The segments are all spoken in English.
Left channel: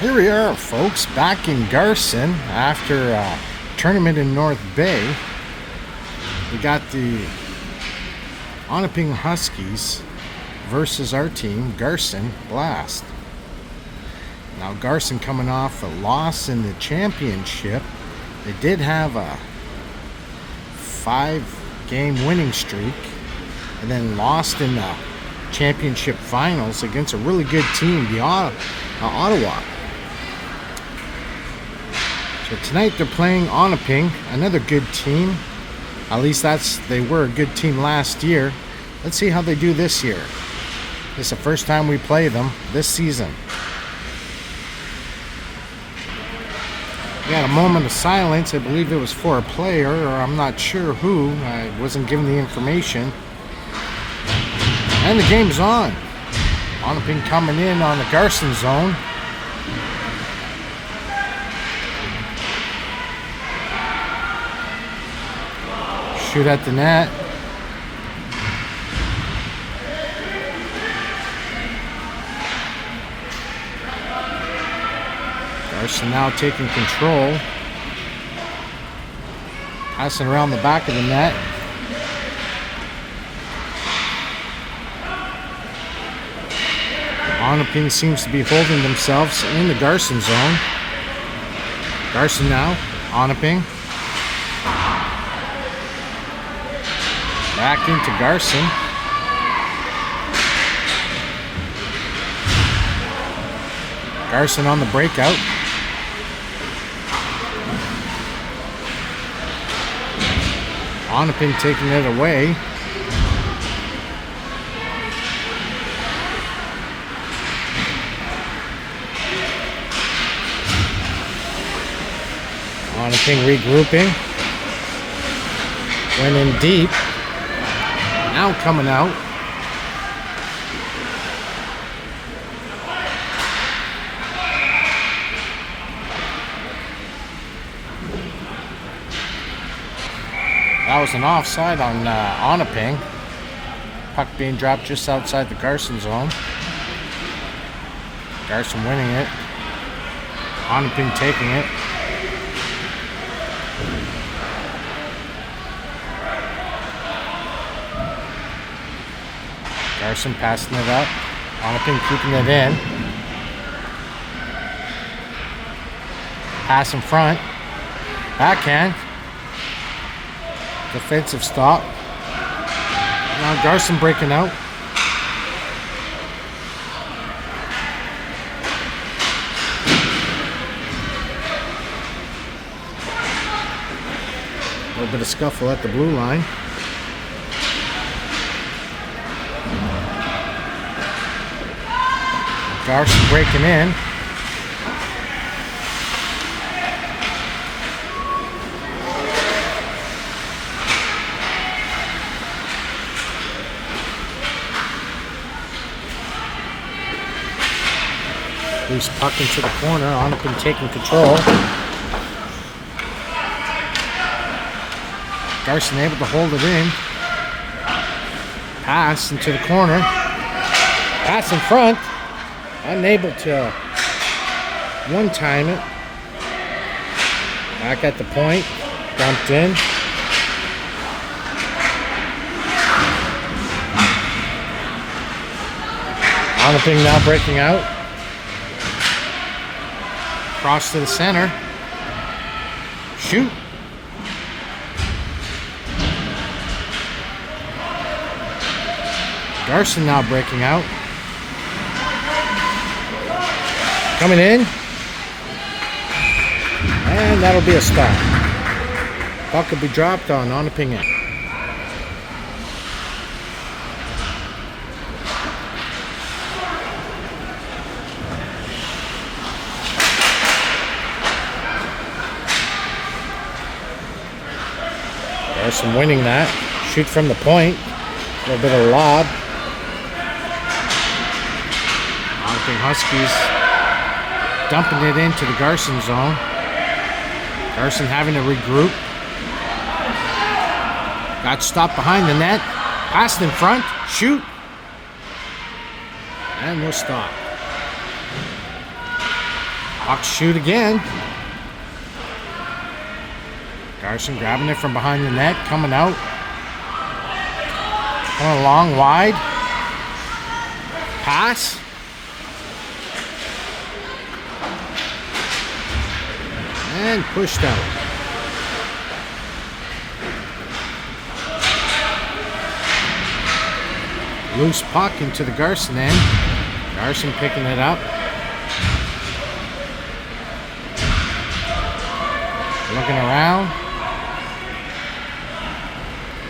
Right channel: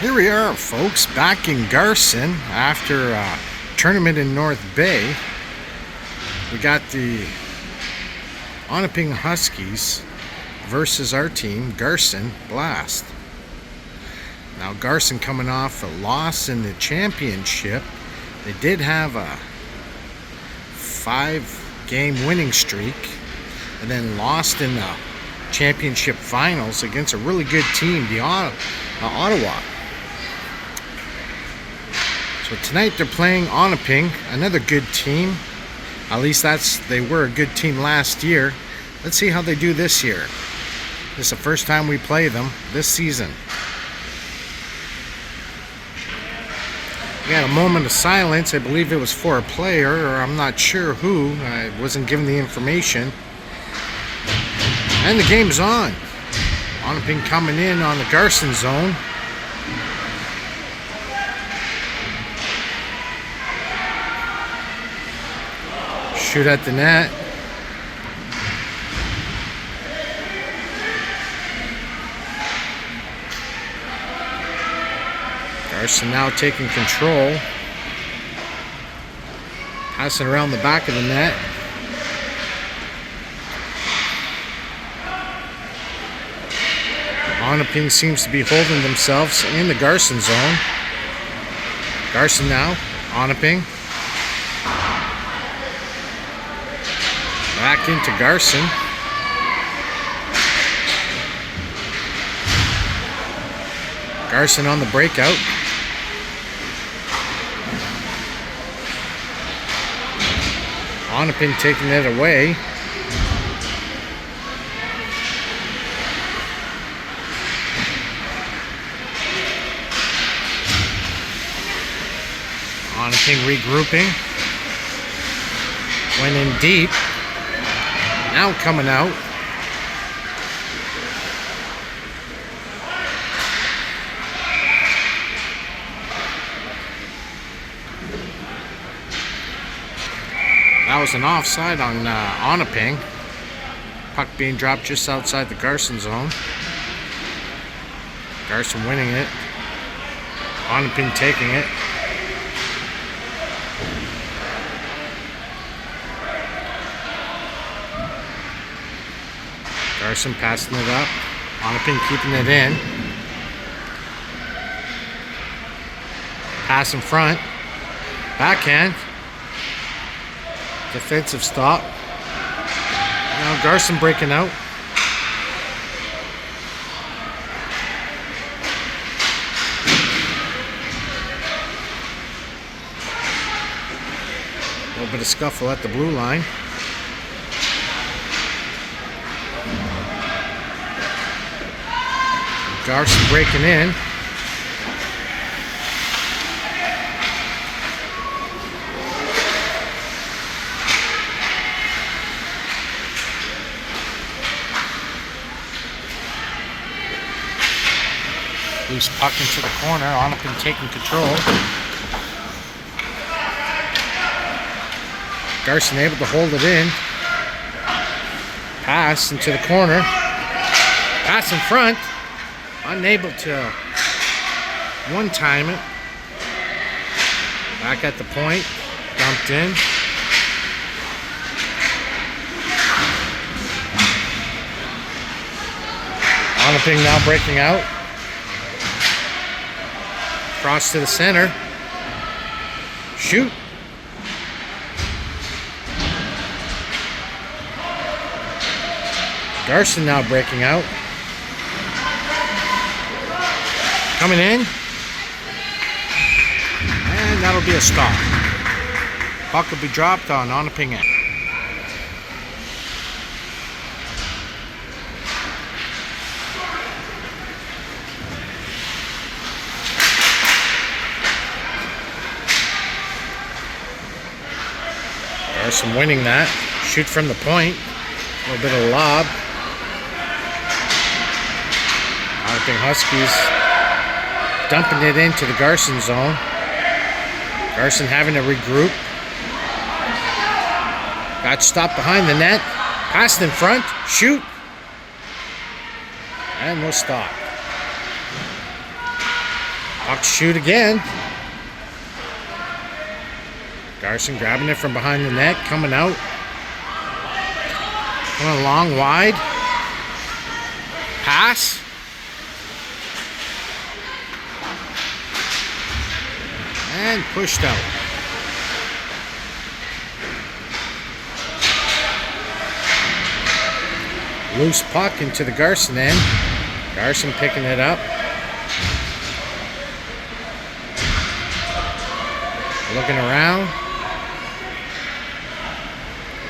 Here we are, folks, back in Garson after a tournament in North Bay. We got the Onaping Huskies versus our team, Garson Blast. Now, Garson coming off a loss in the championship. They did have a 5-game winning streak and then lost in the championship finals against a really good team, the Ottawa. So tonight they're playing Onaping, another good team. At least they were a good team last year. Let's see how they do this year. This is the first time we play them this season. We had a moment of silence. I believe it was for a player, or I'm not sure who. I wasn't given the information. And the game's on. Onaping coming in on the Garson zone. Shoot at the net. Garson now taking control. Passing around the back of the net. Onaping seems to be holding themselves in the Garson zone. Garson now, Onaping. Back into Garson. Garson on the breakout. Onaping taking it away. Onaping regrouping. Went in deep. Now coming out. That was an offside on Onaping. Puck being dropped just outside the Garson zone. Garson winning it. Onaping taking it. Garson passing it up. Onaping keeping it in. Pass in front. Backhand. Defensive stop. Now Garson breaking out. A little bit of scuffle at the blue line. Garson breaking in. Loose puck into the corner. Onaping taking control. Garson able to hold it in. Pass into the corner. Pass in front. Unable to one-time it. Back at the point. Dumped in. Onaping now breaking out. Cross to the center. Shoot. Garson now breaking out. Coming in. And that'll be a stop. Puck will be dropped on Onaping end. Garson winning that. Shoot from the point. A little bit of lob. Onaping Huskies dumping it into the Garson zone. Garson having to regroup. Got stopped behind the net. Passed in front. Shoot. And we'll stop. Puck shoot again. Garson grabbing it from behind the net, coming out. Coming along wide. Pass. And pushed out. Loose puck into the Garson end. Garson picking it up. Looking around.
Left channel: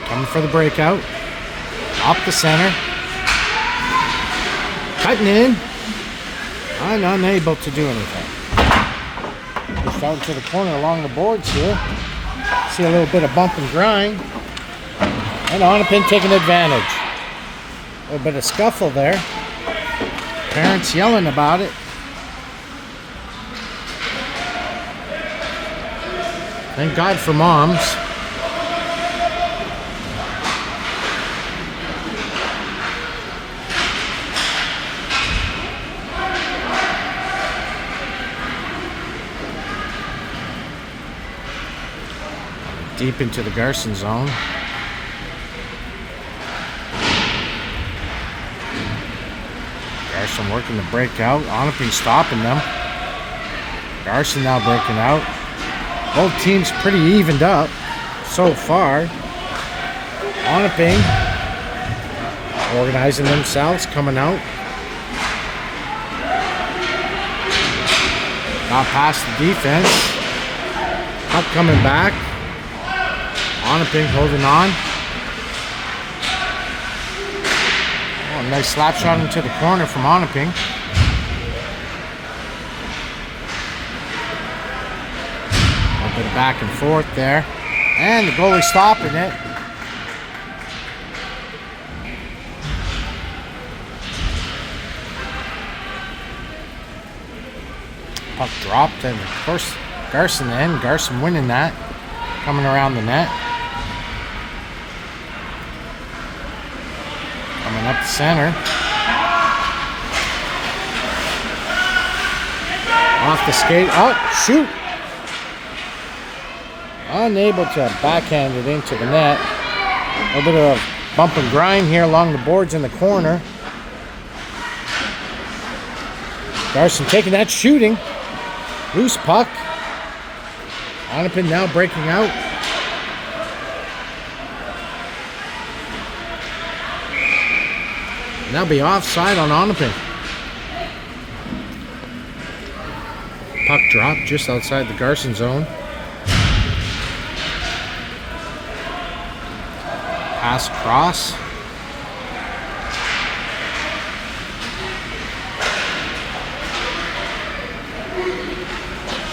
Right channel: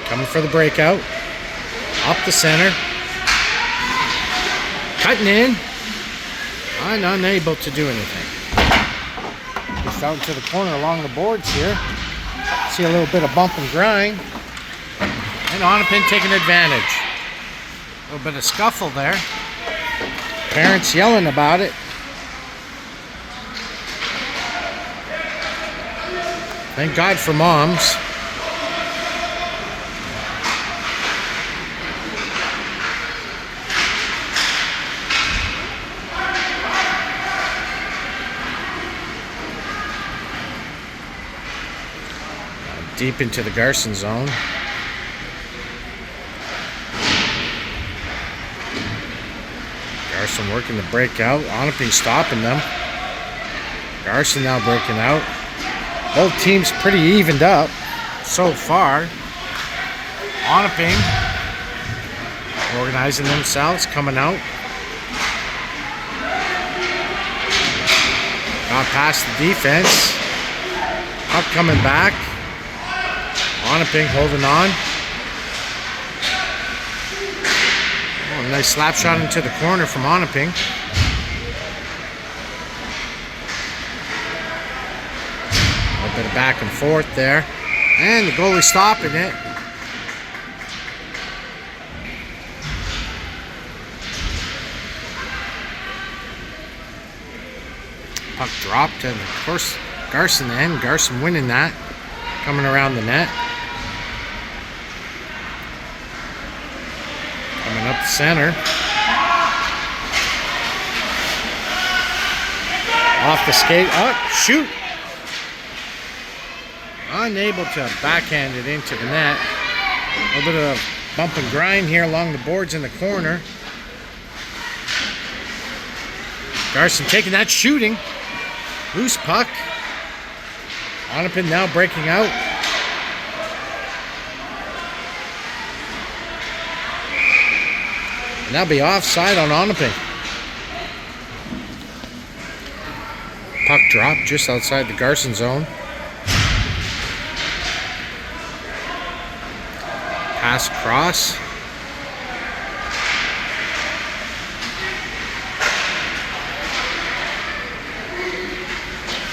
Coming for the breakout. Up the center. Cutting in. And unable to do anything. Just out into the corner along the boards here. See a little bit of bump and grind. And Onaping taking advantage. A little bit of scuffle there. Parents yelling about it. Thank God for moms. Deep into the Garson zone. Garson working the breakout. Onaping stopping them. Garson now breaking out. Both teams pretty evened up so far. Onaping organizing themselves, coming out. Got past the defense. Puck coming back. Onaping holding on. Oh, nice slap shot into the corner from Onaping. A little bit of back and forth there. And the goalie stopping it. Puck dropped, and of course Garson end. Garson winning that. Coming around the net. Coming up the center. Off the skate. Oh, shoot! Unable to backhand it into the net. A little bit of bump and grind here along the boards in the corner. Garson taking that shooting. Loose puck. Onaping now breaking out. And that'll be offside on Onaping. Puck dropped just outside the Garson zone. Pass across.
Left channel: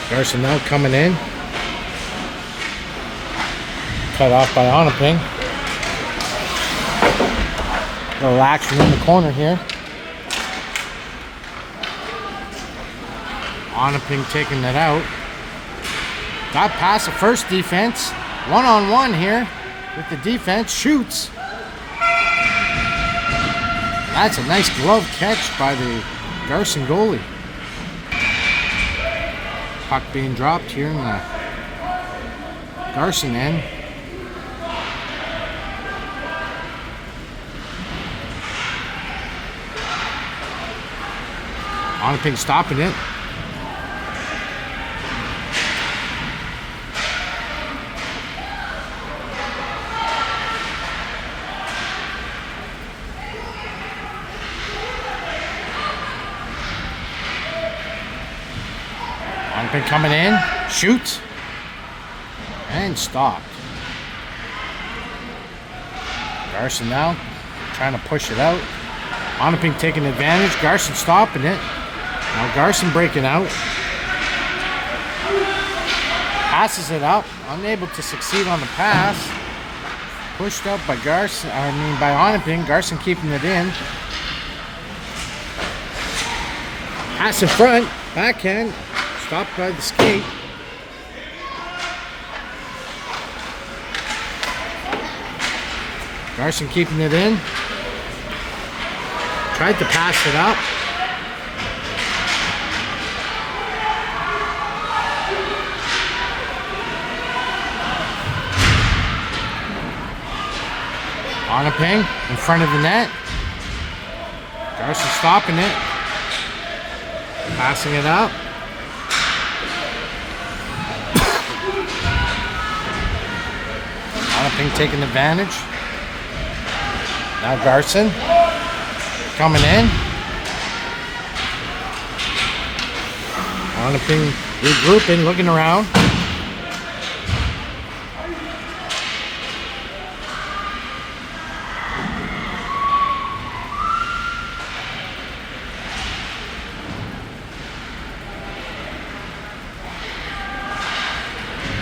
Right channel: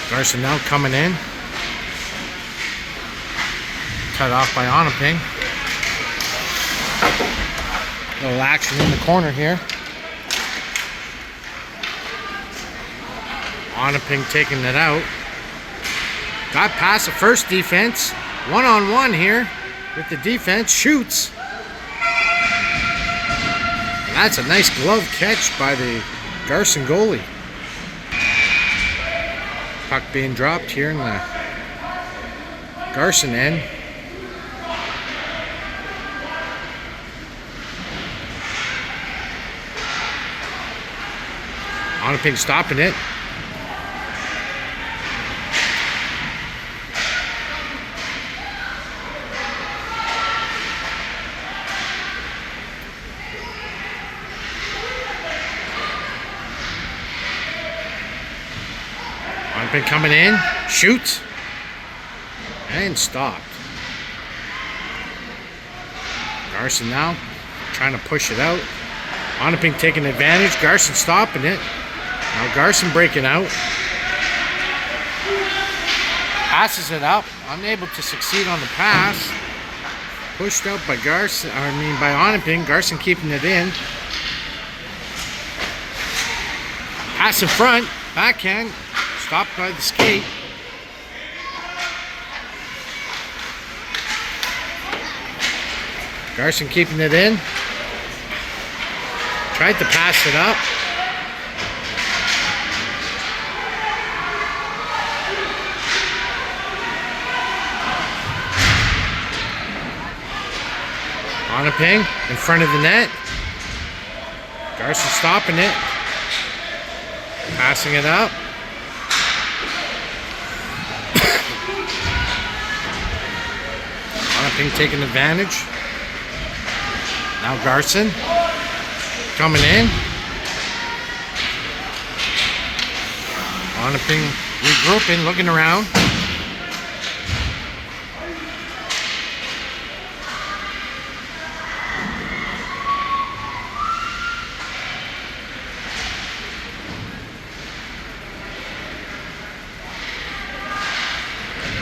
Garson now coming in. Cut off by Onaping. Little action in the corner here. Onaping taking it out. Got past the first defense. One-on-one here with the defense. Shoots. That's a nice glove catch by the Garson goalie. Puck being dropped here in the Garson end. Onaping stopping it. Onaping coming in, shoots, and stopped. Garson now trying to push it out. Onaping taking advantage. Garson stopping it. Now Garson breaking out. Passes it up. Unable to succeed on the pass. Pushed out by by Onaping. Garson keeping it in. Pass in front. Backhand. Stopped by the skate. Garson keeping it in. Tried to pass it up. Onaping in front of the net. Garson stopping it. Passing it up. Onaping taking advantage. Now Garson coming in. Onaping regrouping, looking around.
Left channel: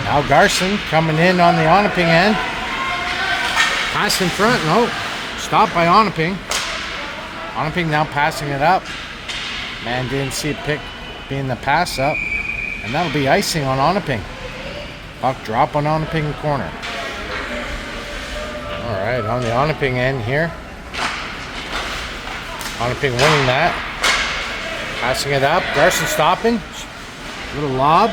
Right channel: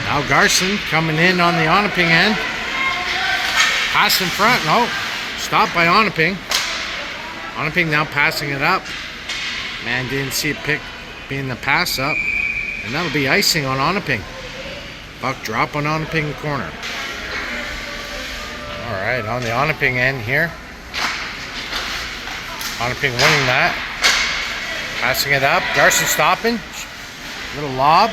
Now Garson coming in on the Onaping end. Pass in front. No. Stopped by Onaping. Onaping now passing it up. Man didn't see it being the pass up. And that'll be icing on Onaping. Puck drop on Onaping corner. Alright, on the Onaping end here. Onaping winning that. Passing it up. Garson stopping. Little lob.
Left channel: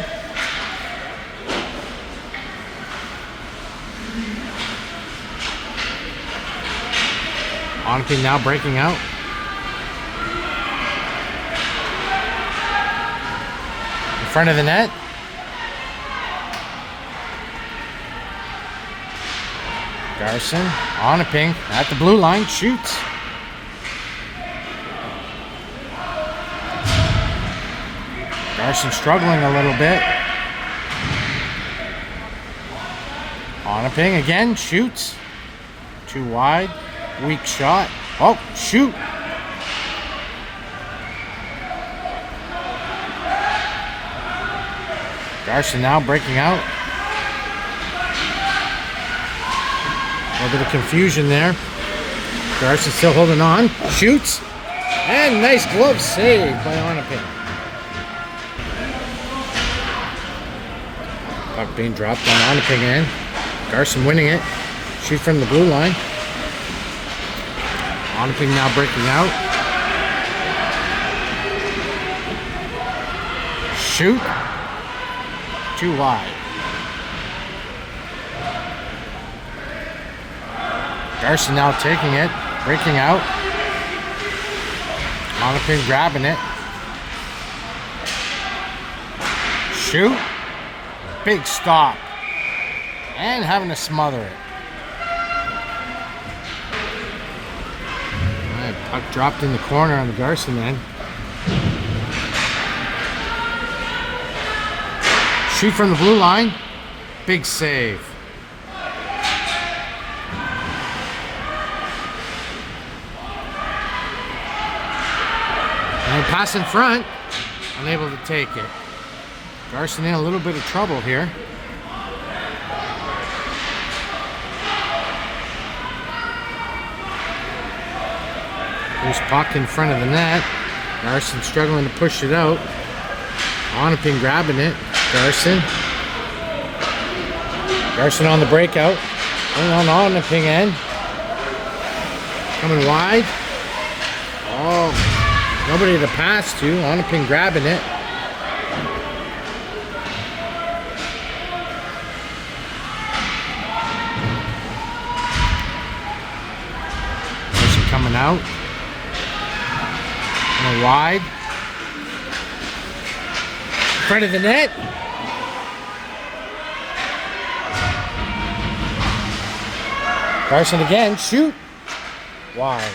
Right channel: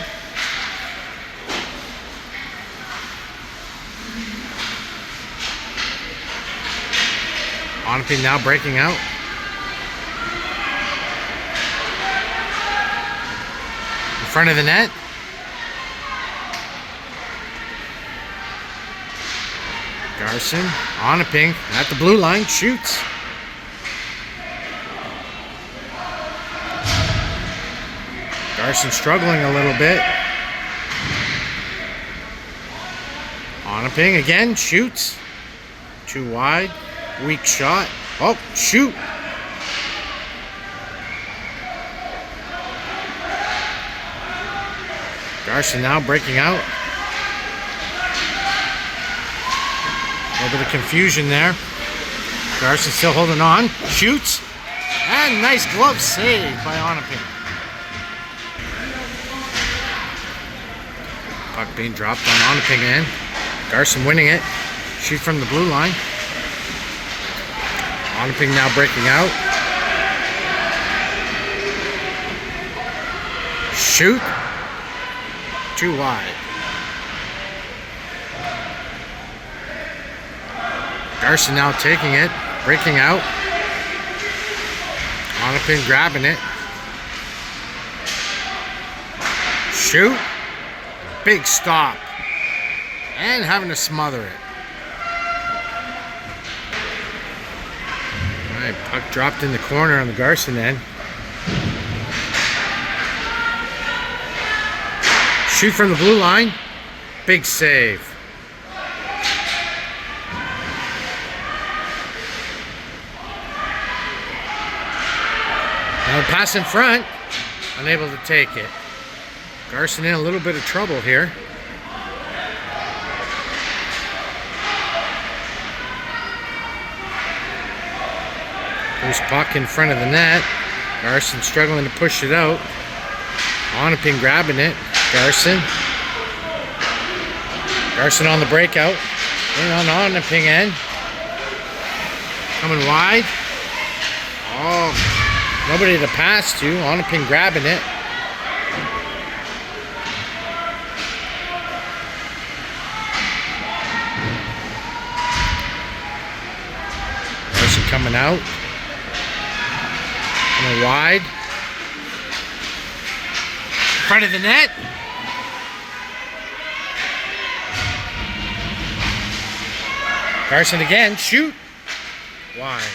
Onaping now breaking out. In front of the net. Garson, Onaping at the blue line, shoots. Garson struggling a little bit. Onaping again, shoots. Too wide. Weak shot. Oh, shoot. Garson now breaking out. A little bit of confusion there. Garson still holding on. Shoots. And nice glove save by Onaping. Puck being dropped on Onaping end. Garson winning it. Shoot from the blue line. Onaping now breaking out. Shoot. Too wide. Garson now taking it. Breaking out. Onaping grabbing it. Shoot. Big stop. And having to smother it. Puck dropped in the corner on the Garson end. Shoot from the blue line. Big save. And a pass in front. Unable to take it. Garson in a little bit of trouble here. Loose puck in front of the net. Garson struggling to push it out. Onaping grabbing it. Garson. Garson on the breakout. In on Onaping end. Coming wide. Oh, nobody to pass to. Onaping grabbing it. Garson coming out. Wide. In front of the net. Garson again. Shoot. Wide.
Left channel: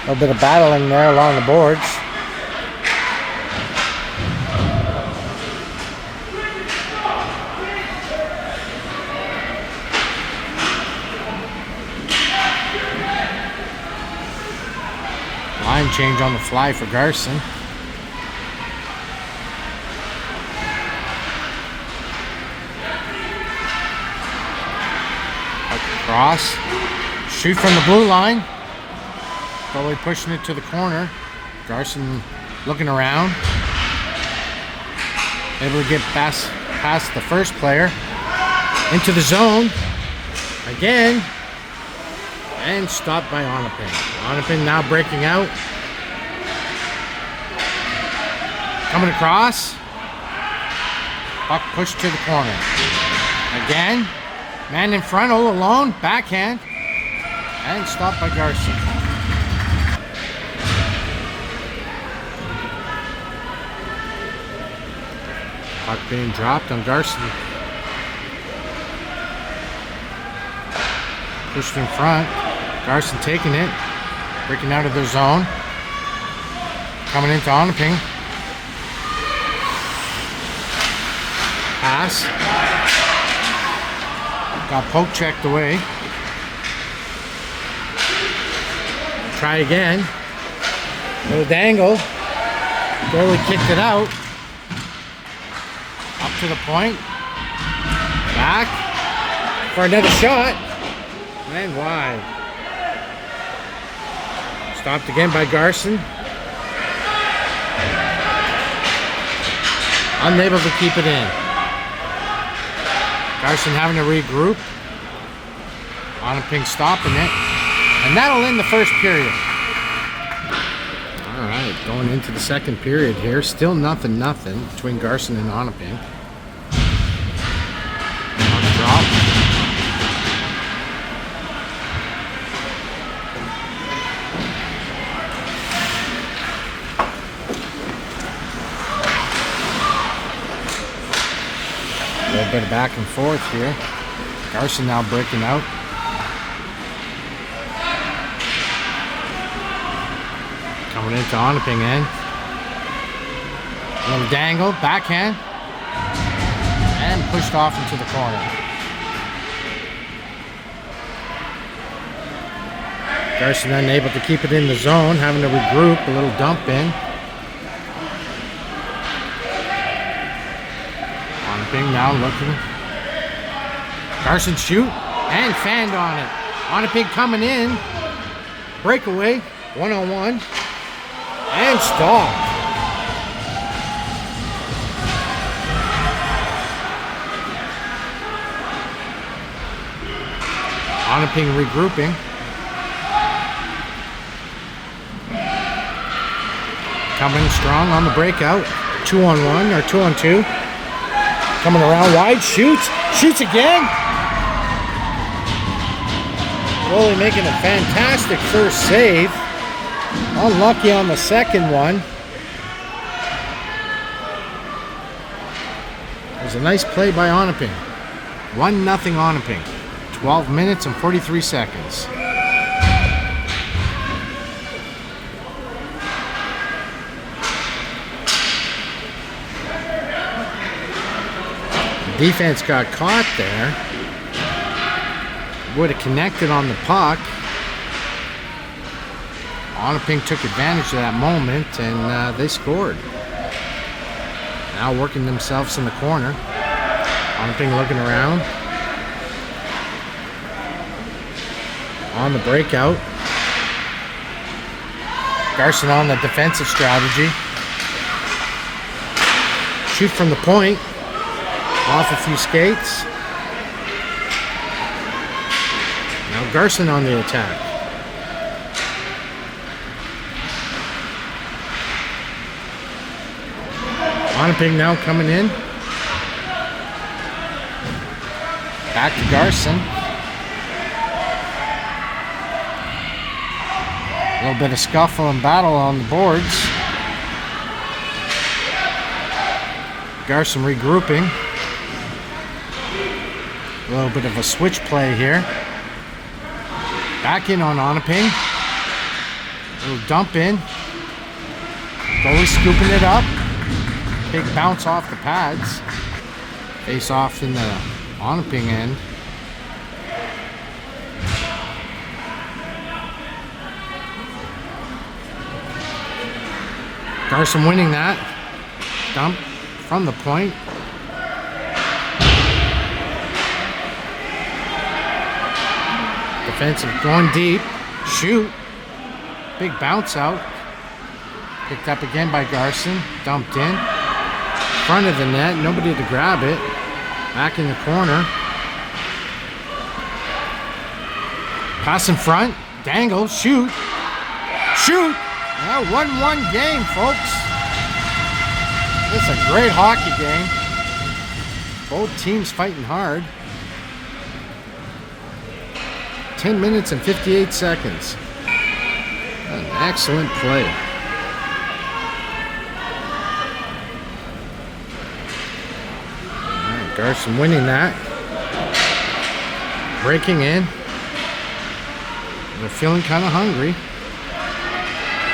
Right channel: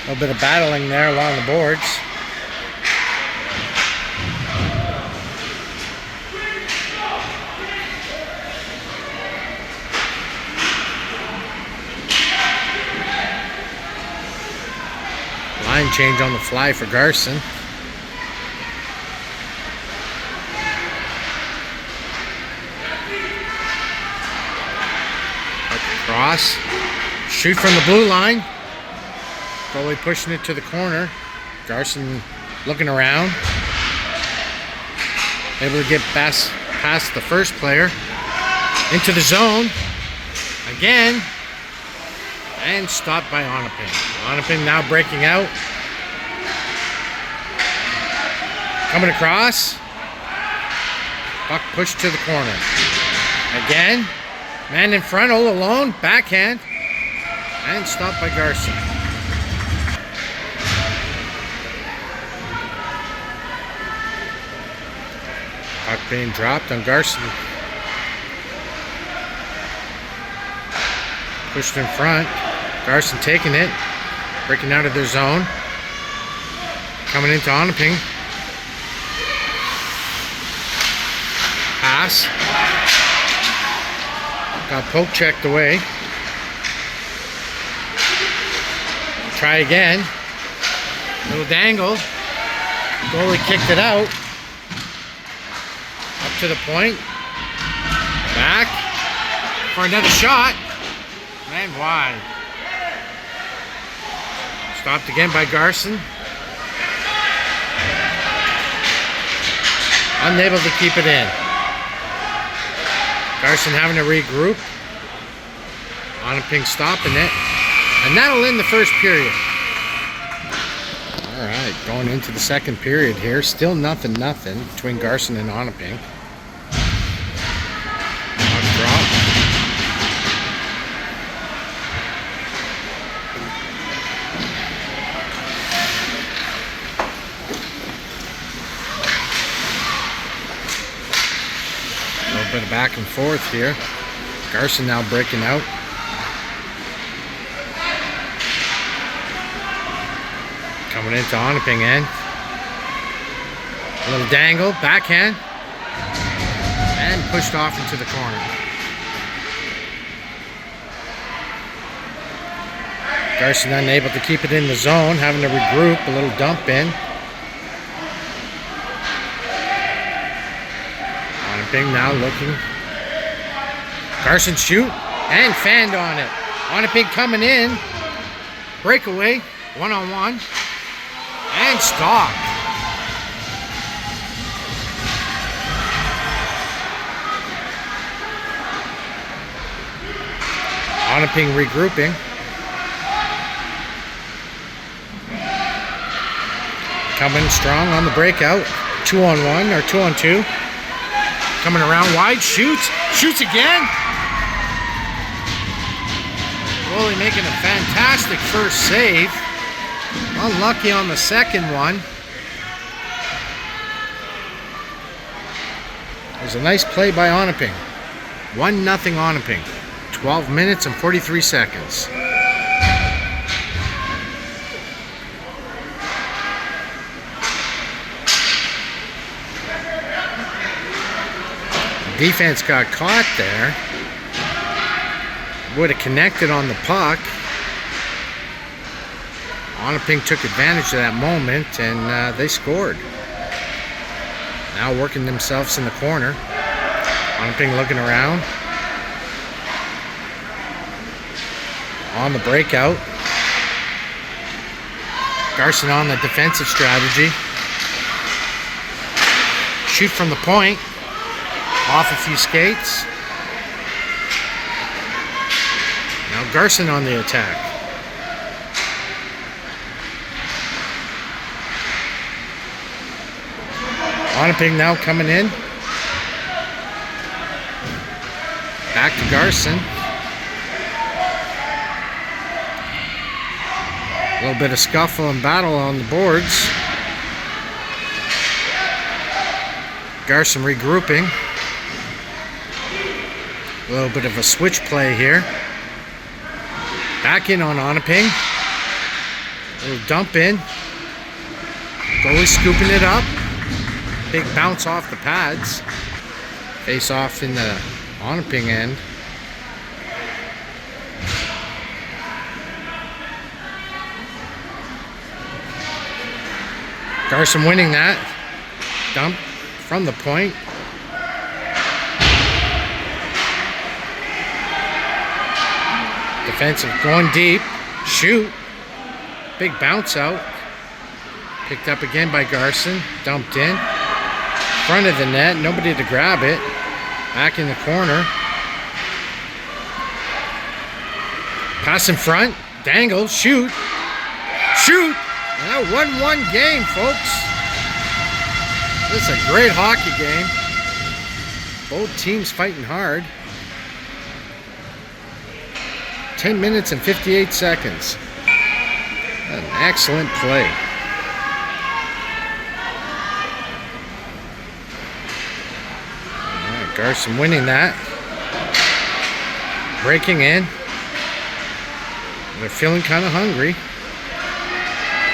A little bit of battling there along the boards. Line change on the fly for Garson. Across. Shoot from the blue line. Goalie pushing it to the corner. Garson looking around. Able to get past the first player. Into the zone. Again. And stopped by Onaping. Onaping now breaking out. Coming across. Puck pushed to the corner. Again. Man in front, all alone. Backhand. And stopped by Garson. Puck being dropped on Garson. Pushed in front. Garson taking it. Breaking out of their zone. Coming into Onaping. Pass. Got poke checked away. Try again. Little dangle. Goalie kicked it out. Up to the point. Back. For another shot. And wide. Stopped again by Garson. Unable to keep it in. Garson having to regroup. Onaping stopping it. And that'll end the first period. Alright, going into the second period here. Still nothing between Garson and Onaping. Puck drop. A little bit of back and forth here. Garson now breaking out. Coming into Onaping end. A little dangle, backhand. And pushed off into the corner. Garson unable to keep it in the zone, having to regroup, a little dump in. Onaping now looking. Garson shoot and fanned on it. Onaping coming in. Breakaway, one-on-one. And stop. Onaping regrouping. Coming strong on the breakout. 2-on-1 or 2-on-2. Coming around wide, shoots. Shoots again. Goalie making a fantastic first save. Unlucky on the second one. It was a nice play by Onaping. 1-0 Onaping. 12 minutes and 43 seconds. Defense got caught there. Would have connected on the puck. Onaping took advantage of that moment and they scored. Now working themselves in the corner. Onaping looking around. On the breakout. Garson on the defensive strategy. Shoot from the point. Off a few skates. Now Garson on the attack. Onaping now coming in. Back to Garson. A little bit of scuffle and battle on the boards. Garson regrouping. A little bit of a switch play here. Back in on Onaping. A little dump in. Goalie scooping it up. Big bounce off the pads. Face off in the Onaping end. Garson winning that. Dump from the point. Defensive going deep. Shoot. Big bounce out. Picked up again by Garson. Dumped in. Front of the net. Nobody to grab it. Back in the corner. Pass in front. Dangle. Shoot. Shoot. And that 1-1 game, folks. This is a great hockey game. Both teams fighting hard. 10 minutes and 58 seconds. An excellent play. All right, Garson winning that. Breaking in. They're feeling kind of hungry.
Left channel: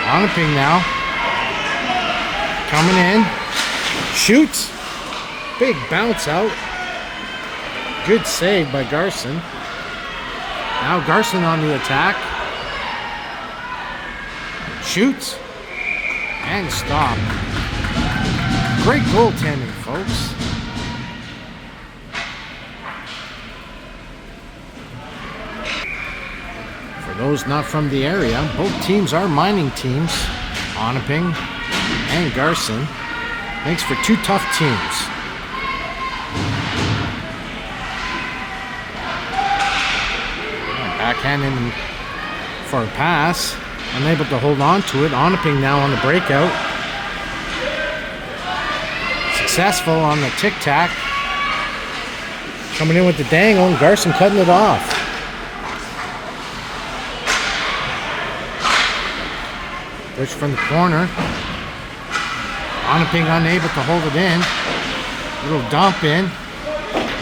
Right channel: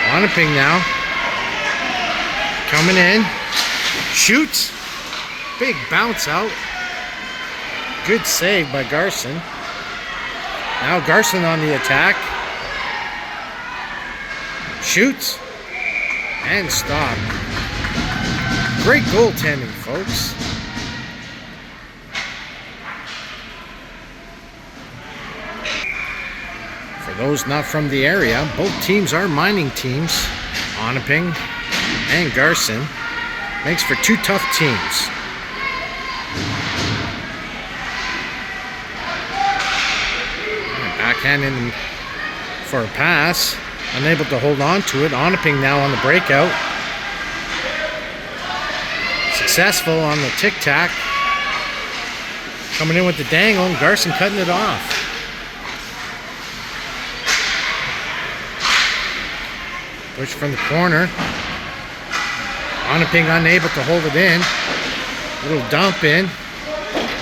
Onaping now. Coming in. Shoots. Big bounce out. Good save by Garson. Now Garson on the attack. Shoots. And stop. Great goaltending, folks. For those not from the area, both teams are mining teams. Onaping and Garson. Makes for two tough teams. Backhanding for a pass. Unable to hold on to it. Onaping now on the breakout. Successful on the tic-tac. Coming in with the dangle, and Garson cutting it off. Push from the corner. Onaping unable to hold it in. Little dump in.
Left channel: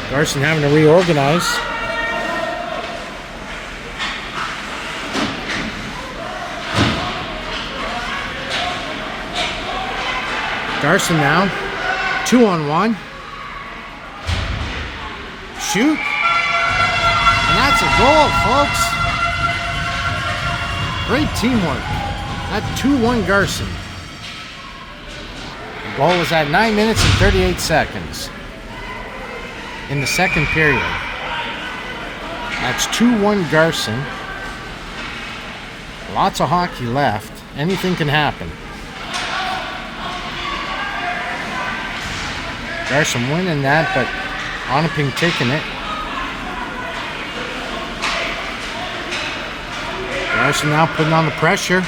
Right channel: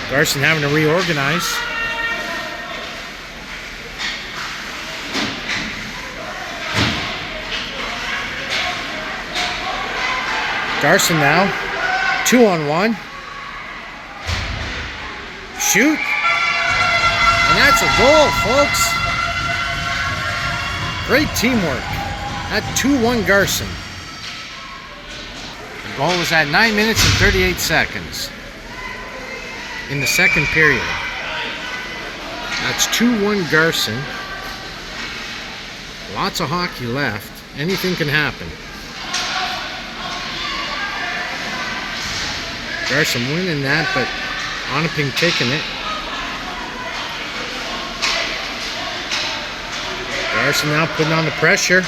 Garson having to reorganize. Garson now, 2-on-1. Shoot. And that's a goal, folks. Great teamwork. That 2-1 Garson. The goal was at 9 minutes and 38 seconds in the second period. That's 2-1 Garson. Lots of hockey left. Anything can happen. Garson winning that, but Onaping taking it. Garson now putting on the pressure.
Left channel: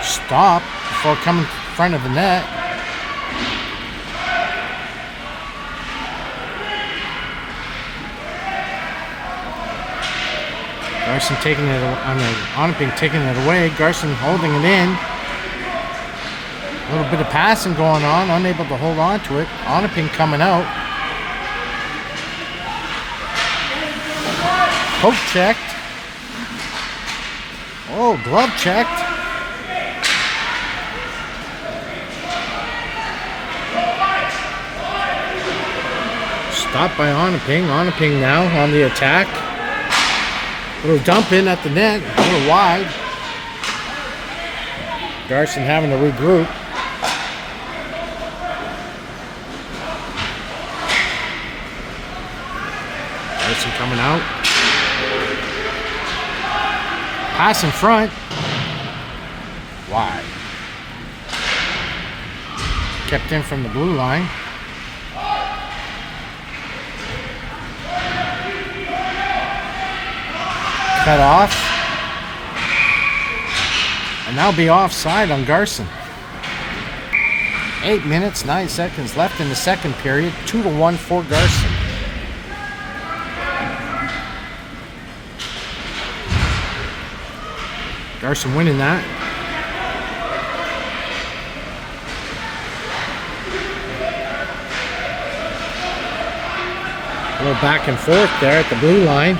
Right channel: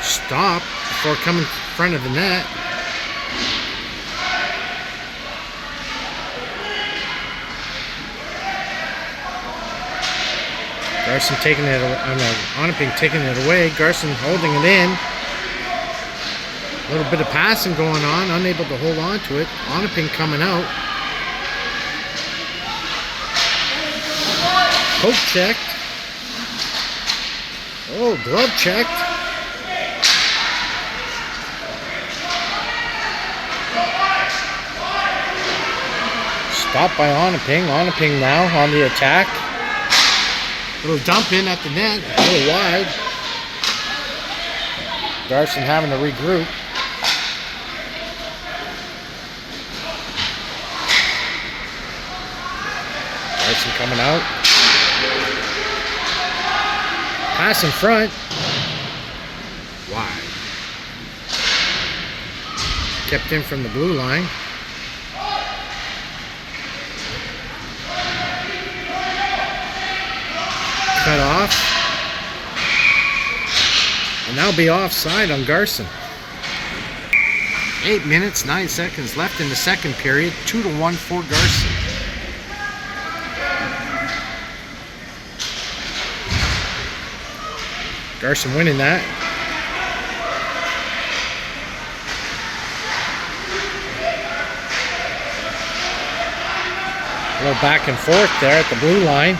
Stop before coming in front of the net. Garson taking it, Onaping taking it away. Garson holding it in. A little bit of passing going on, unable to hold on to it. Onaping coming out. Poke checked. Oh, glove checked. Stopped by Onaping. Onaping now on the attack. Little dump in at the net, a little wide. Garson having to regroup. Garson coming out. Pass in front. Wide. Kept in from the blue line. Cut off. And that'll be offside on Garson. 8 minutes, 9 seconds left in the second period. 2-1 for Garson. Garson winning that. A little back and forth there at the blue line.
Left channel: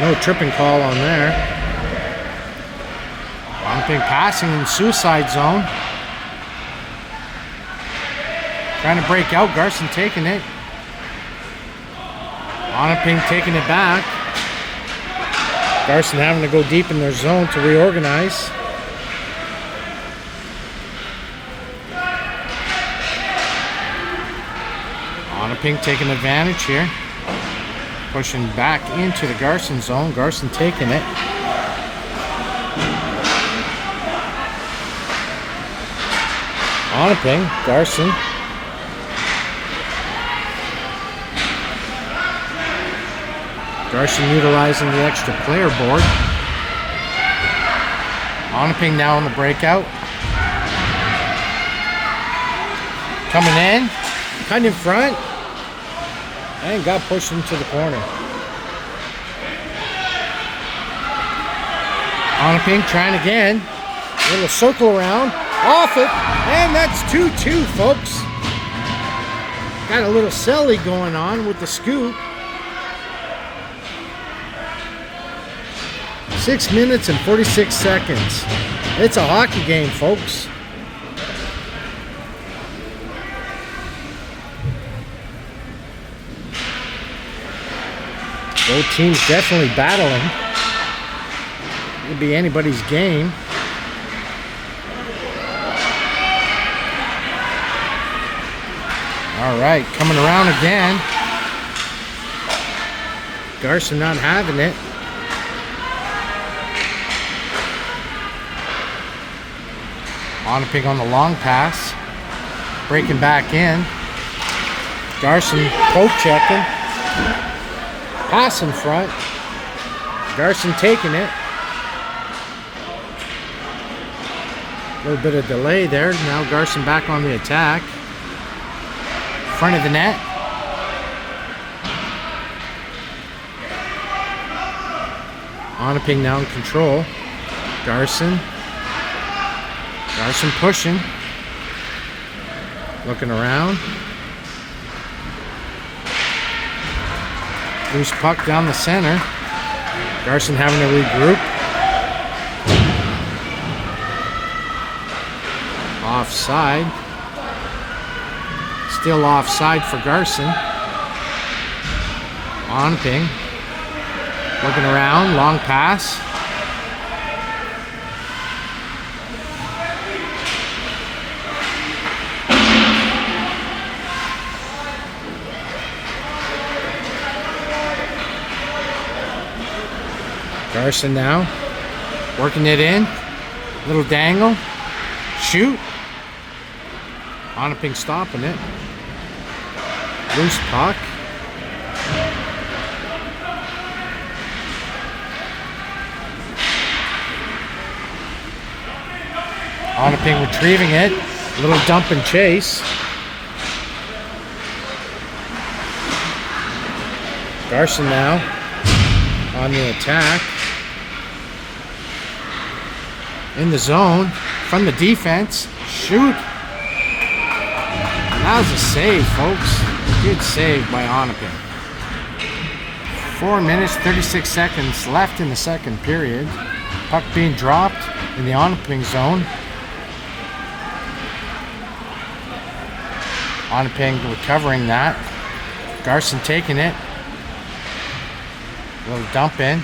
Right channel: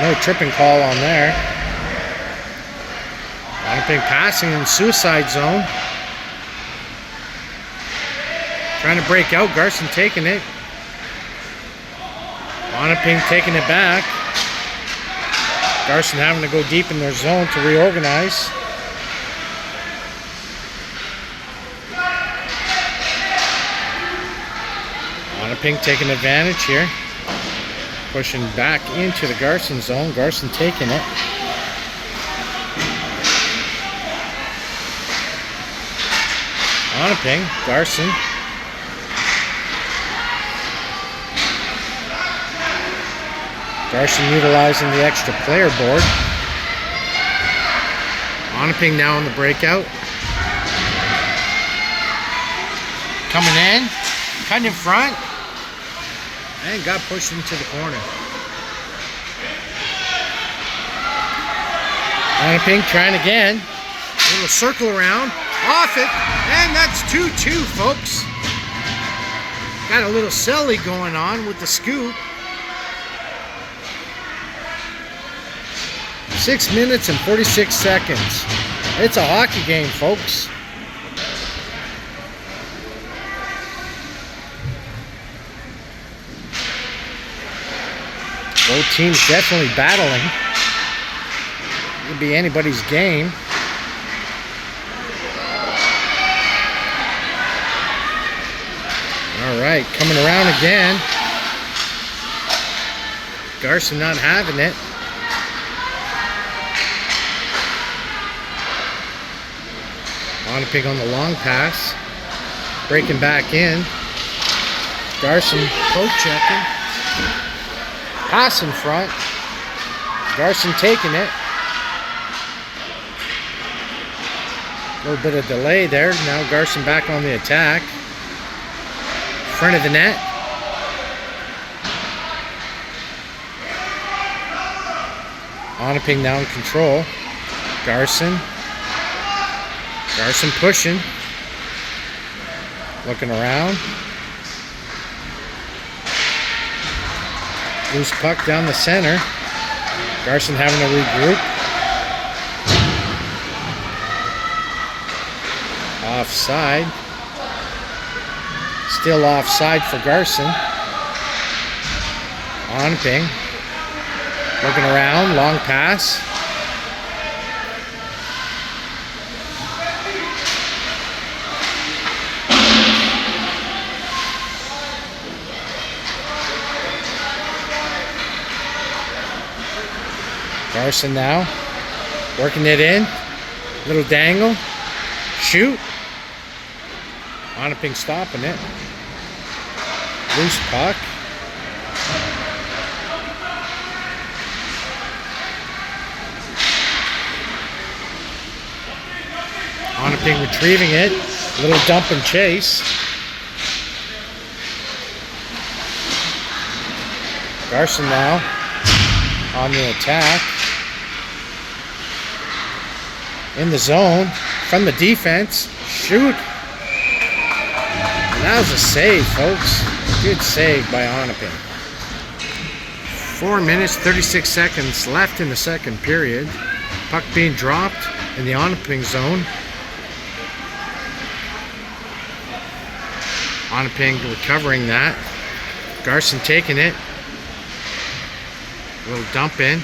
No tripping call on there. Onaping passing in suicide zone. Trying to break out. Garson taking it. Onaping taking it back. Garson having to go deep in their zone to reorganize. Onaping taking advantage here. Pushing back into the Garson zone. Garson taking it. Onaping, Garson. Garson utilizing the extra player board. Onaping now on the breakout. Coming in, cutting in front, and got pushed into the corner. Onaping trying again. Little circle around, off it, and that's 2-2, folks. Got a little silly going on with the scoop. 6 minutes and 46 seconds. It's a hockey game, folks. Both teams definitely battling. Could be anybody's game. All right, coming around again. Garson not having it. Onaping on the long pass. Breaking back in. Garson poke checking. Pass in front. Garson taking it. A little bit of delay there. Now Garson back on the attack. Front of the net. Onaping now in control. Garson. Garson pushing. Looking around. Loose puck down the center. Garson having to regroup. Offside. Still offside for Garson. Onaping. Looking around. Long pass. Garson now. Working it in. Little dangle. Shoot. Onaping stopping it. Loose puck. Onaping retrieving it. Little dump and chase. Garson now on the attack. In the zone. From the defense. Shoot. And that was a save, folks. Good save by Onaping. 4 minutes, 36 seconds left in the second period. Puck being dropped in the Onaping zone. Onaping recovering that. Garson taking it. A little dump in.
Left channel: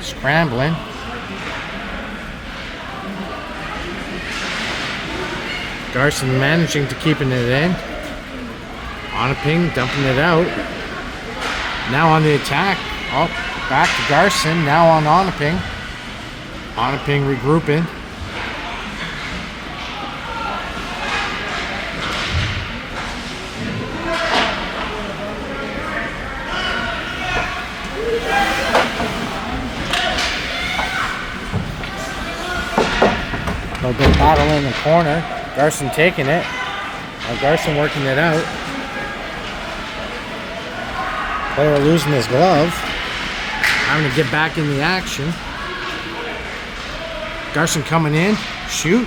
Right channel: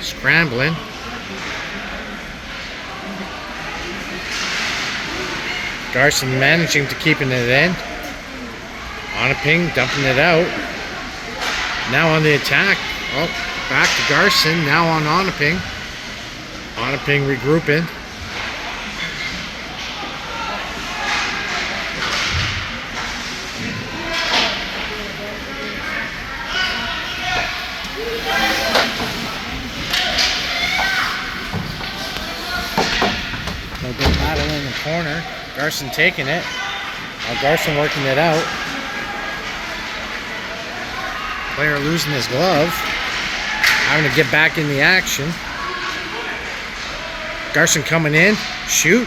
Scrambling. Garson managing to keeping it in. Onaping dumping it out. Now on the attack. Oh, back to Garson. Now on Onaping. Onaping regrouping. A little bit of battle in the corner. Garson taking it. Now Garson working it out. Player losing his glove. Having to get back in the action. Garson coming in. Shoot.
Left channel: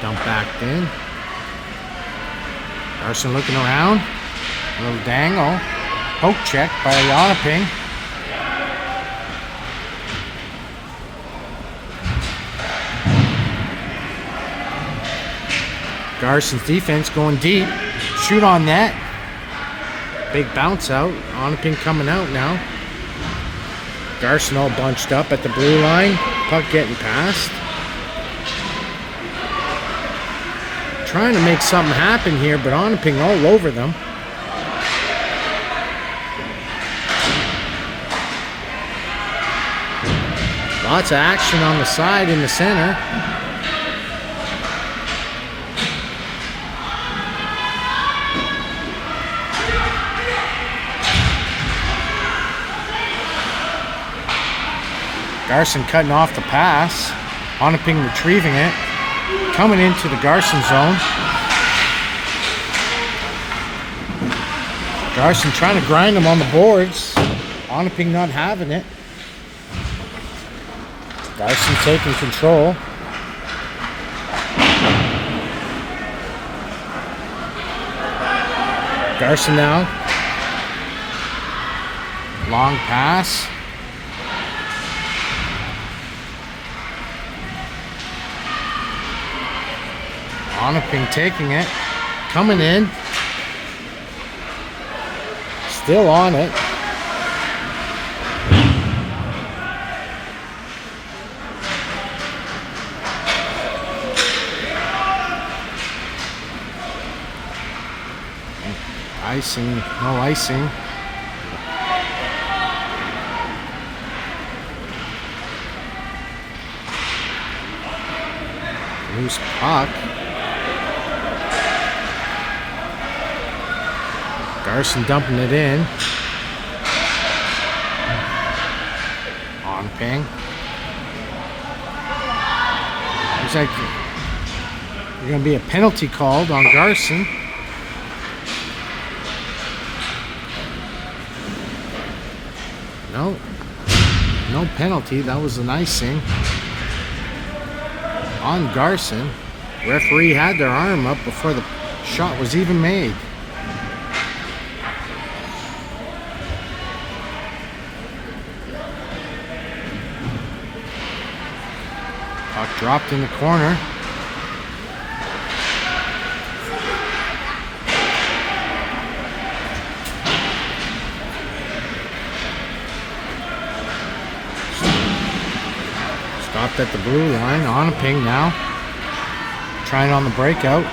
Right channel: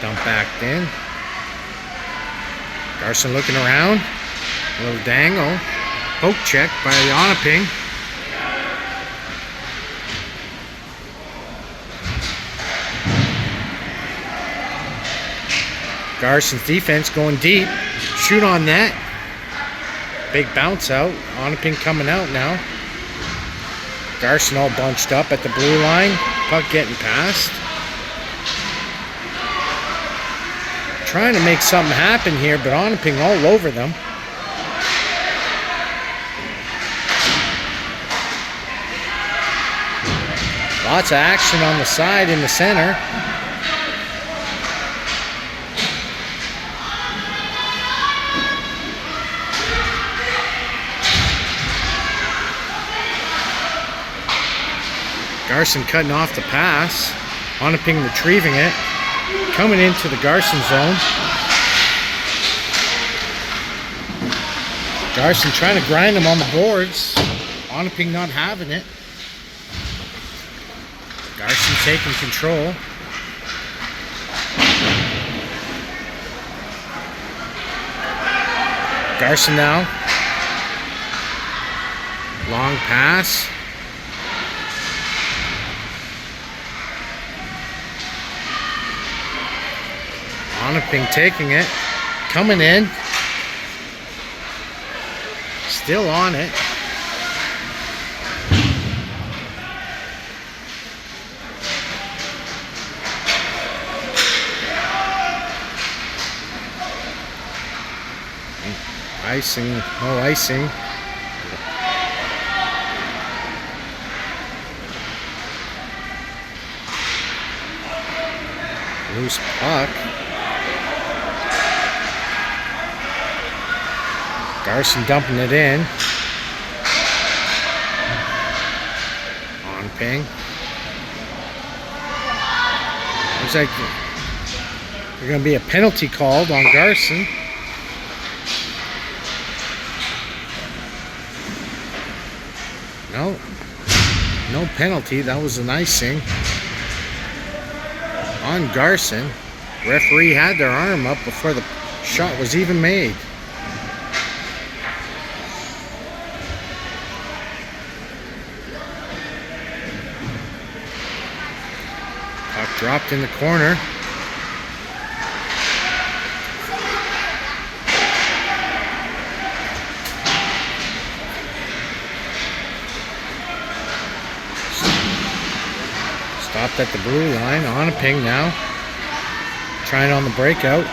Dump back in. Garson looking around. A little dangle. Poke check by Onaping. Garson's defense going deep. Shoot on net. Big bounce out. Onaping coming out now. Garson all bunched up at the blue line. Puck getting past. Trying to make something happen here, but Onaping all over them. Lots of action on the side in the center. Garson cutting off the pass. Onaping retrieving it. Coming into the Garson zone. Garson trying to grind him on the boards. Onaping not having it. Garson taking control. Garson now. Long pass. Onaping taking it. Coming in. Still on it. Icing, no icing. Loose puck. Garson dumping it in. Onaping. Looks like there's going to be a penalty called on Garson. No penalty. That was an icing on Garson. Referee had their arm up before the shot was even made. Puck dropped in the corner. Stopped at the blue line. Onaping now. Trying on the breakout.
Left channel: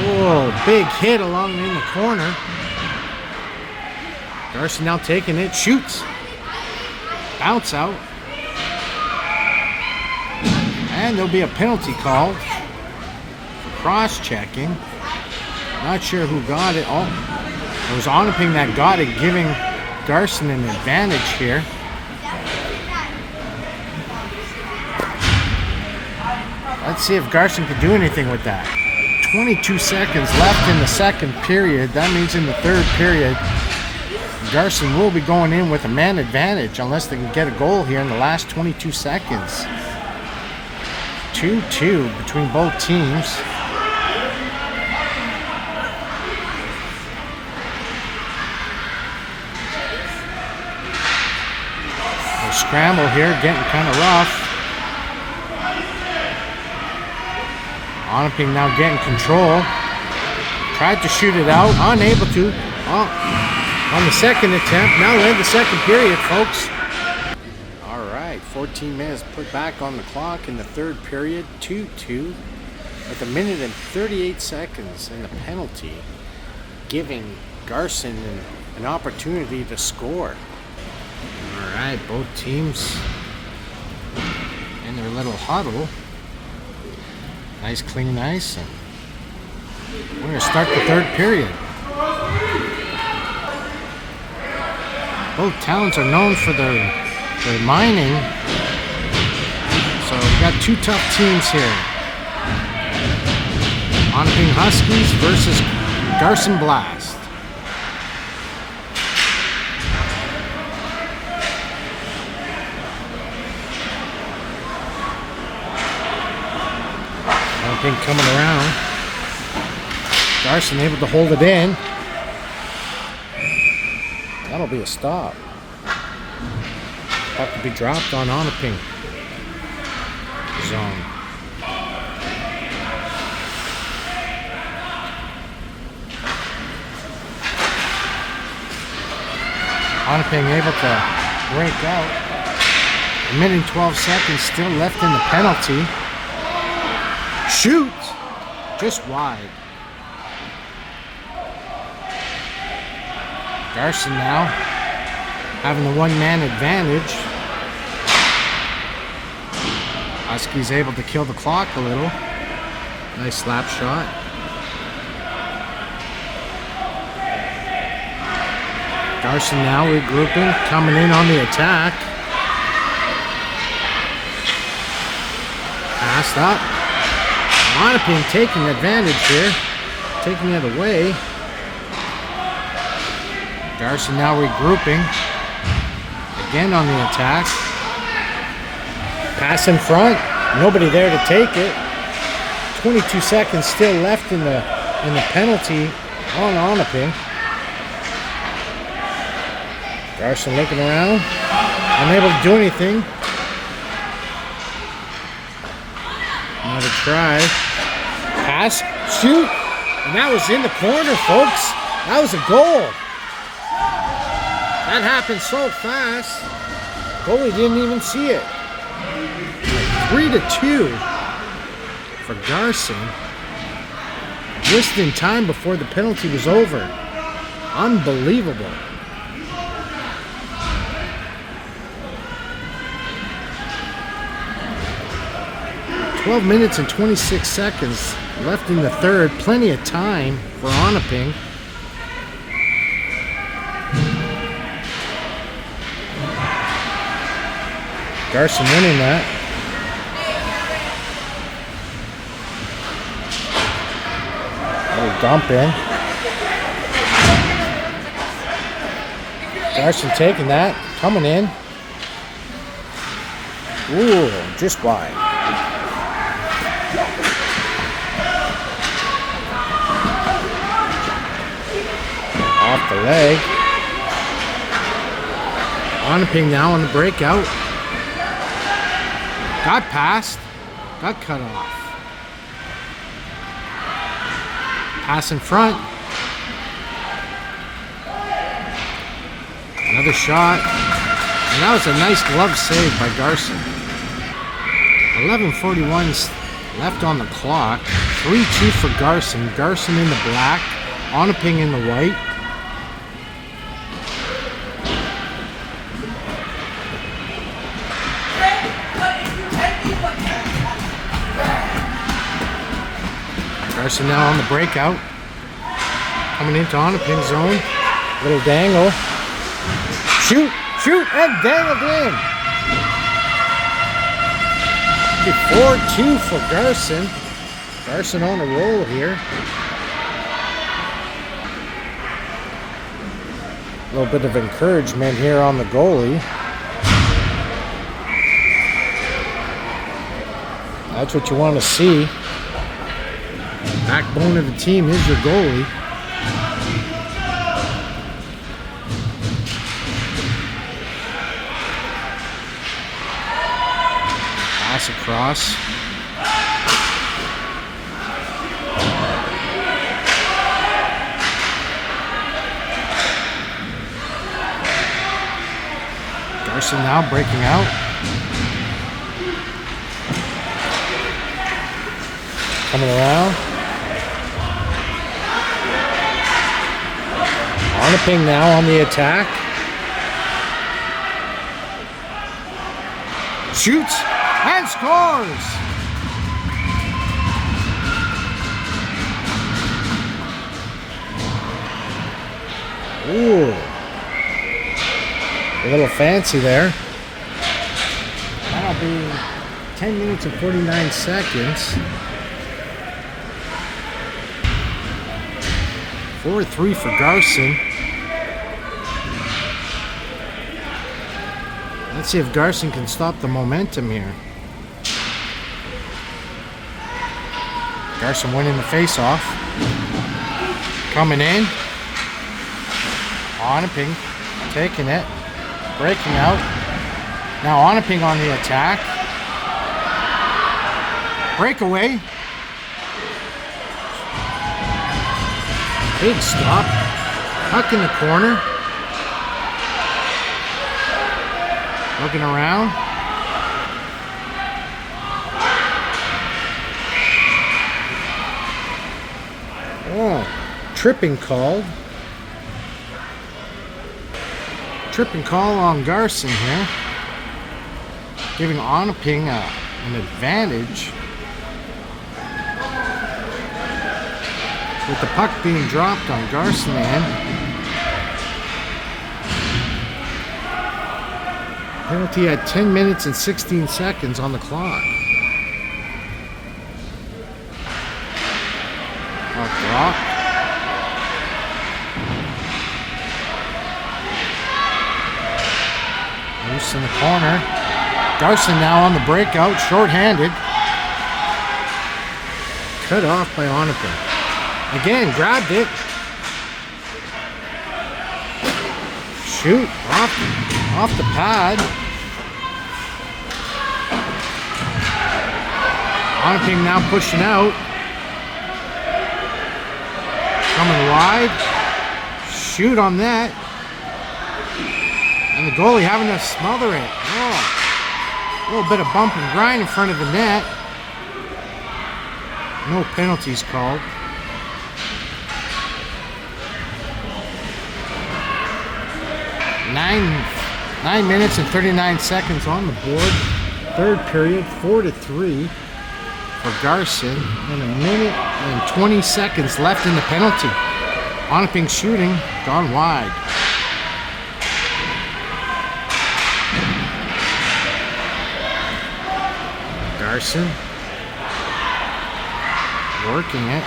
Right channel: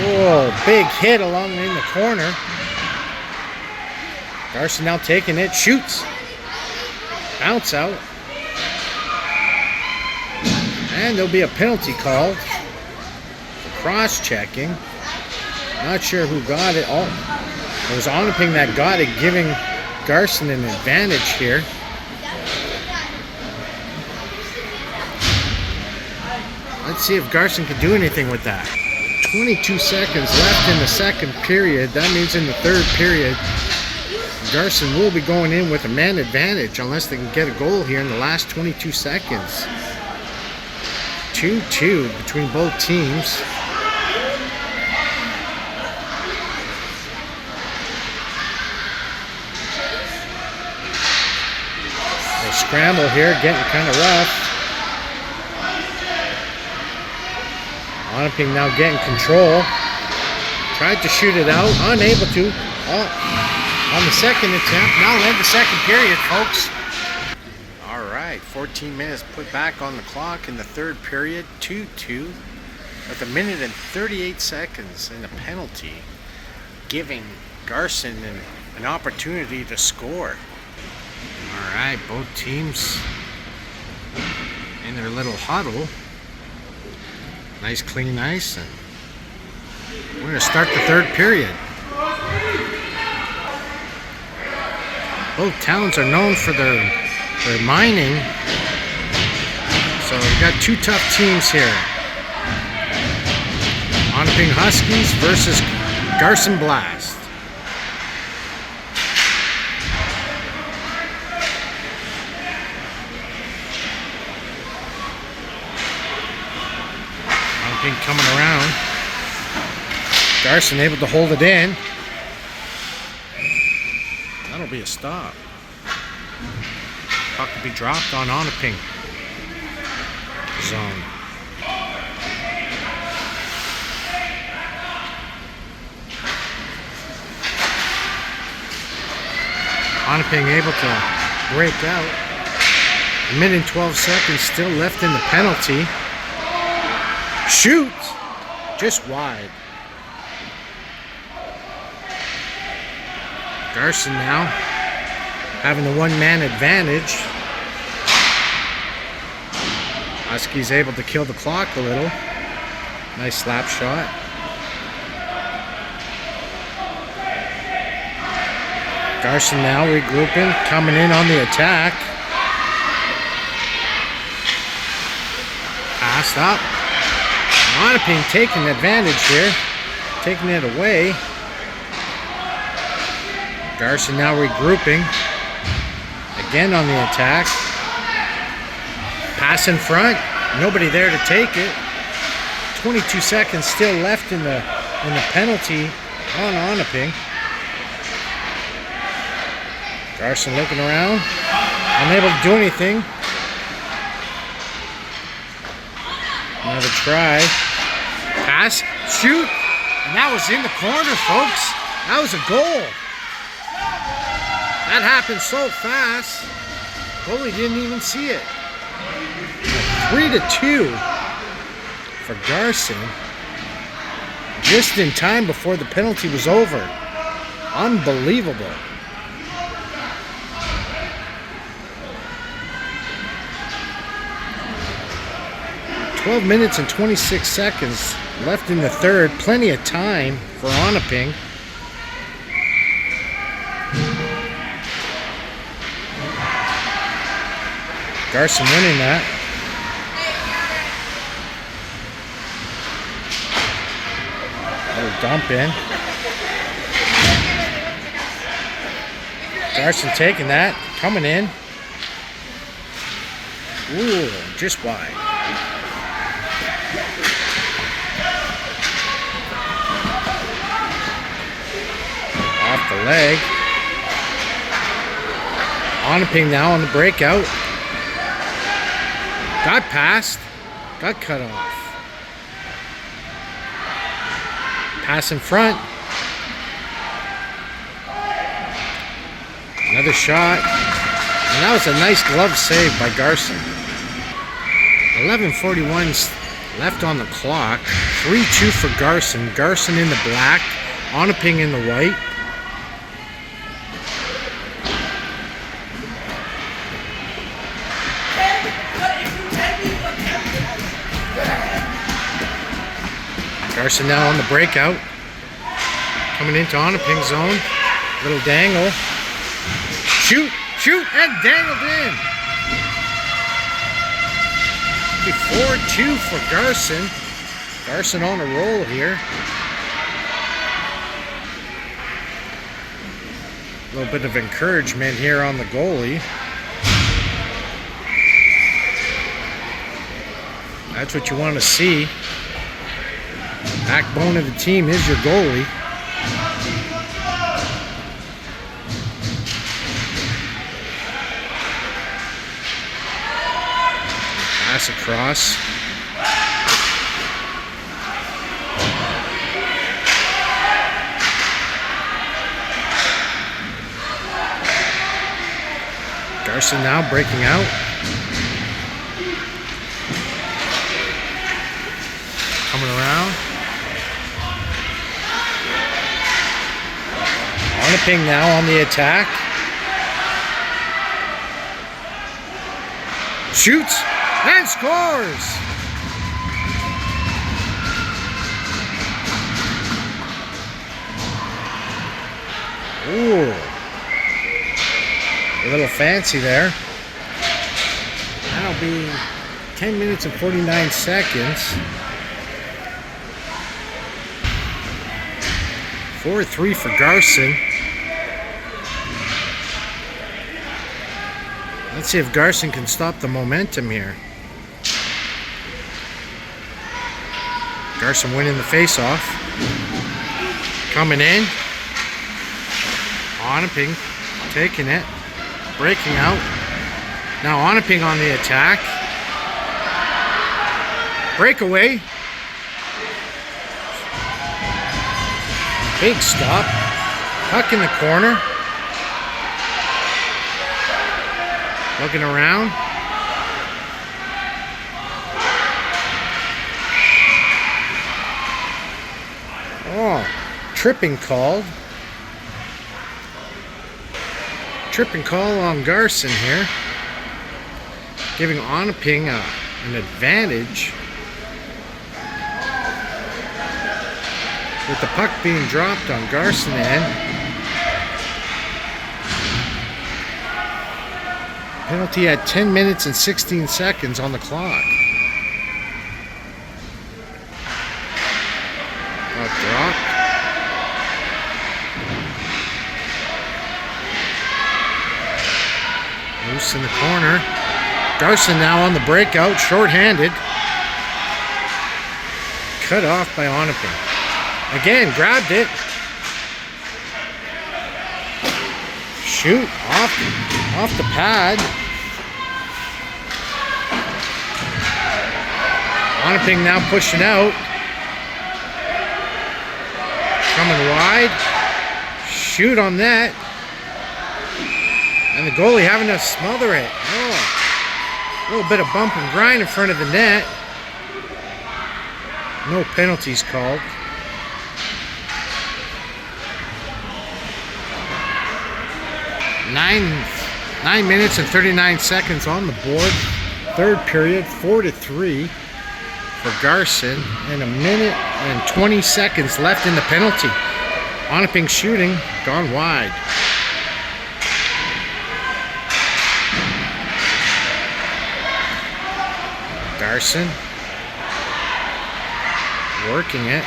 Whoa, big hit along in the corner. Garson now taking it. Shoots. Bounce out. And there'll be a penalty call for cross-checking. Not sure who got it. Oh, it was Onaping that got it, giving Garson an advantage here. Let's see if Garson can do anything with that. 22 seconds left in the second period. That means in the third period, Garson will be going in with a man advantage unless they can get a goal here in the last 22 seconds. 2-2 between both teams. A scramble here, getting kind of rough. Onaping now getting control. Tried to shoot it out, unable to. Oh, on the second attempt. Now we'll end the second period, folks. All right, 14 minutes put back on the clock in the third period. 2-2 with 1 minute and 38 seconds and a penalty, giving Garson an opportunity to score. All right, both teams in their little huddle. Nice clean ice, and we're going to start the third period. Both towns are known for their mining, so we've got two tough teams here. Onaping Huskies versus Garson Blast. Onaping coming around. Garson able to hold it in. That'll be a stop. Puck will be dropped on Onaping zone. Onaping able to break out. 1 minute and 12 seconds still left in the penalty. Shoot! Just wide. Garson now having the one-man advantage. Husky's able to kill the clock a little. Nice slap shot. Garson now regrouping, coming in on the attack. Passed up. Onaping taking advantage here, taking it away. Garson now regrouping, again on the attack. Pass in front, nobody there to take it. 22 seconds still left in the penalty on Onaping. Garson looking around, unable to do anything. Another try. Pass, shoot, and that was in the corner, folks. That was a goal. That happened so fast, goalie didn't even see it. Like 3-2 for Garson, just in time before the penalty was over. Unbelievable. 12 minutes and 26 seconds left in the third. Plenty of time for Onaping. Garson winning that. Oh, dump in. Garson taking that, coming in. Ooh, just wide. Off the leg. Onaping now on the breakout. Got passed. Got cut off. Pass in front. Another shot. And that was a nice glove save by Garson. 11:41 left on the clock. 3-2 for Garson. Garson in the black. Onaping in the white. Garson now on the breakout. Coming into Onaping's zone. Little dangle. Shoot, shoot, and dangled in. 4-2 for Garson. Garson on a roll here. A little bit of encouragement here on the goalie. That's what you want to see. Backbone of the team is your goalie. Pass across. Garson now breaking out. Coming around. Onaping now on the attack. Shoots and scores! Ooh. A little fancy there. That'll be 10 minutes and 49 seconds. 4-3 for Garson. Let's see if Garson can stop the momentum here. Garson winning the face-off. Coming in. Onaping taking it. Breaking out. Now Onaping on the attack. Breakaway. Big stop. Puck in the corner. Looking around. Oh, tripping called. Tripping call on Garson here, giving Onaping an advantage. With the puck being dropped on Garson end. Penalty at 10 minutes and 16 seconds on the clock. Puck drop. Loose in the corner. Garson now on the breakout, short-handed. Cut off by Onaping. Again, grabbed it. Shoot, off the pad. Onaping now pushing out. Coming wide. Shoot on that. And the goalie having to smother it. Oh, a little bit of bump and grind in front of the net. No penalties called. 9 minutes and 39 seconds on the board. Third period, 4-3 for Garson, and 1 minute and 20 seconds left in the penalty. Onaping shooting, gone wide. Garson working it.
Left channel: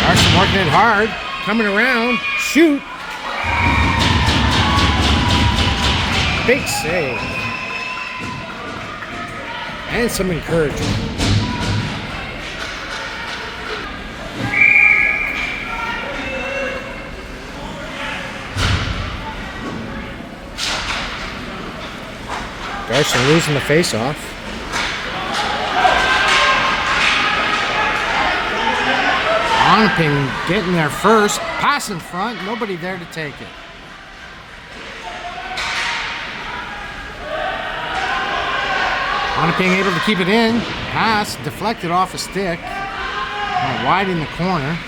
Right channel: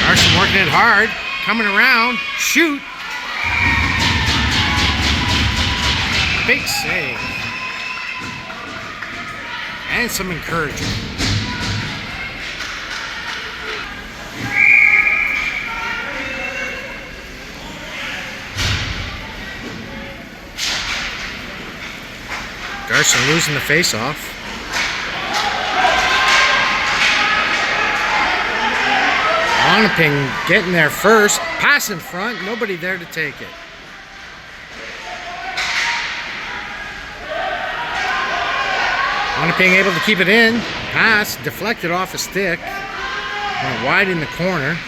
Garson working it hard, coming around, shoot. Big save. And some encouragement. Garson losing the face-off. Onaping getting there first. Pass in front. Nobody there to take it. Onaping able to keep it in. Pass. Deflected off a stick. Went wide in the corner.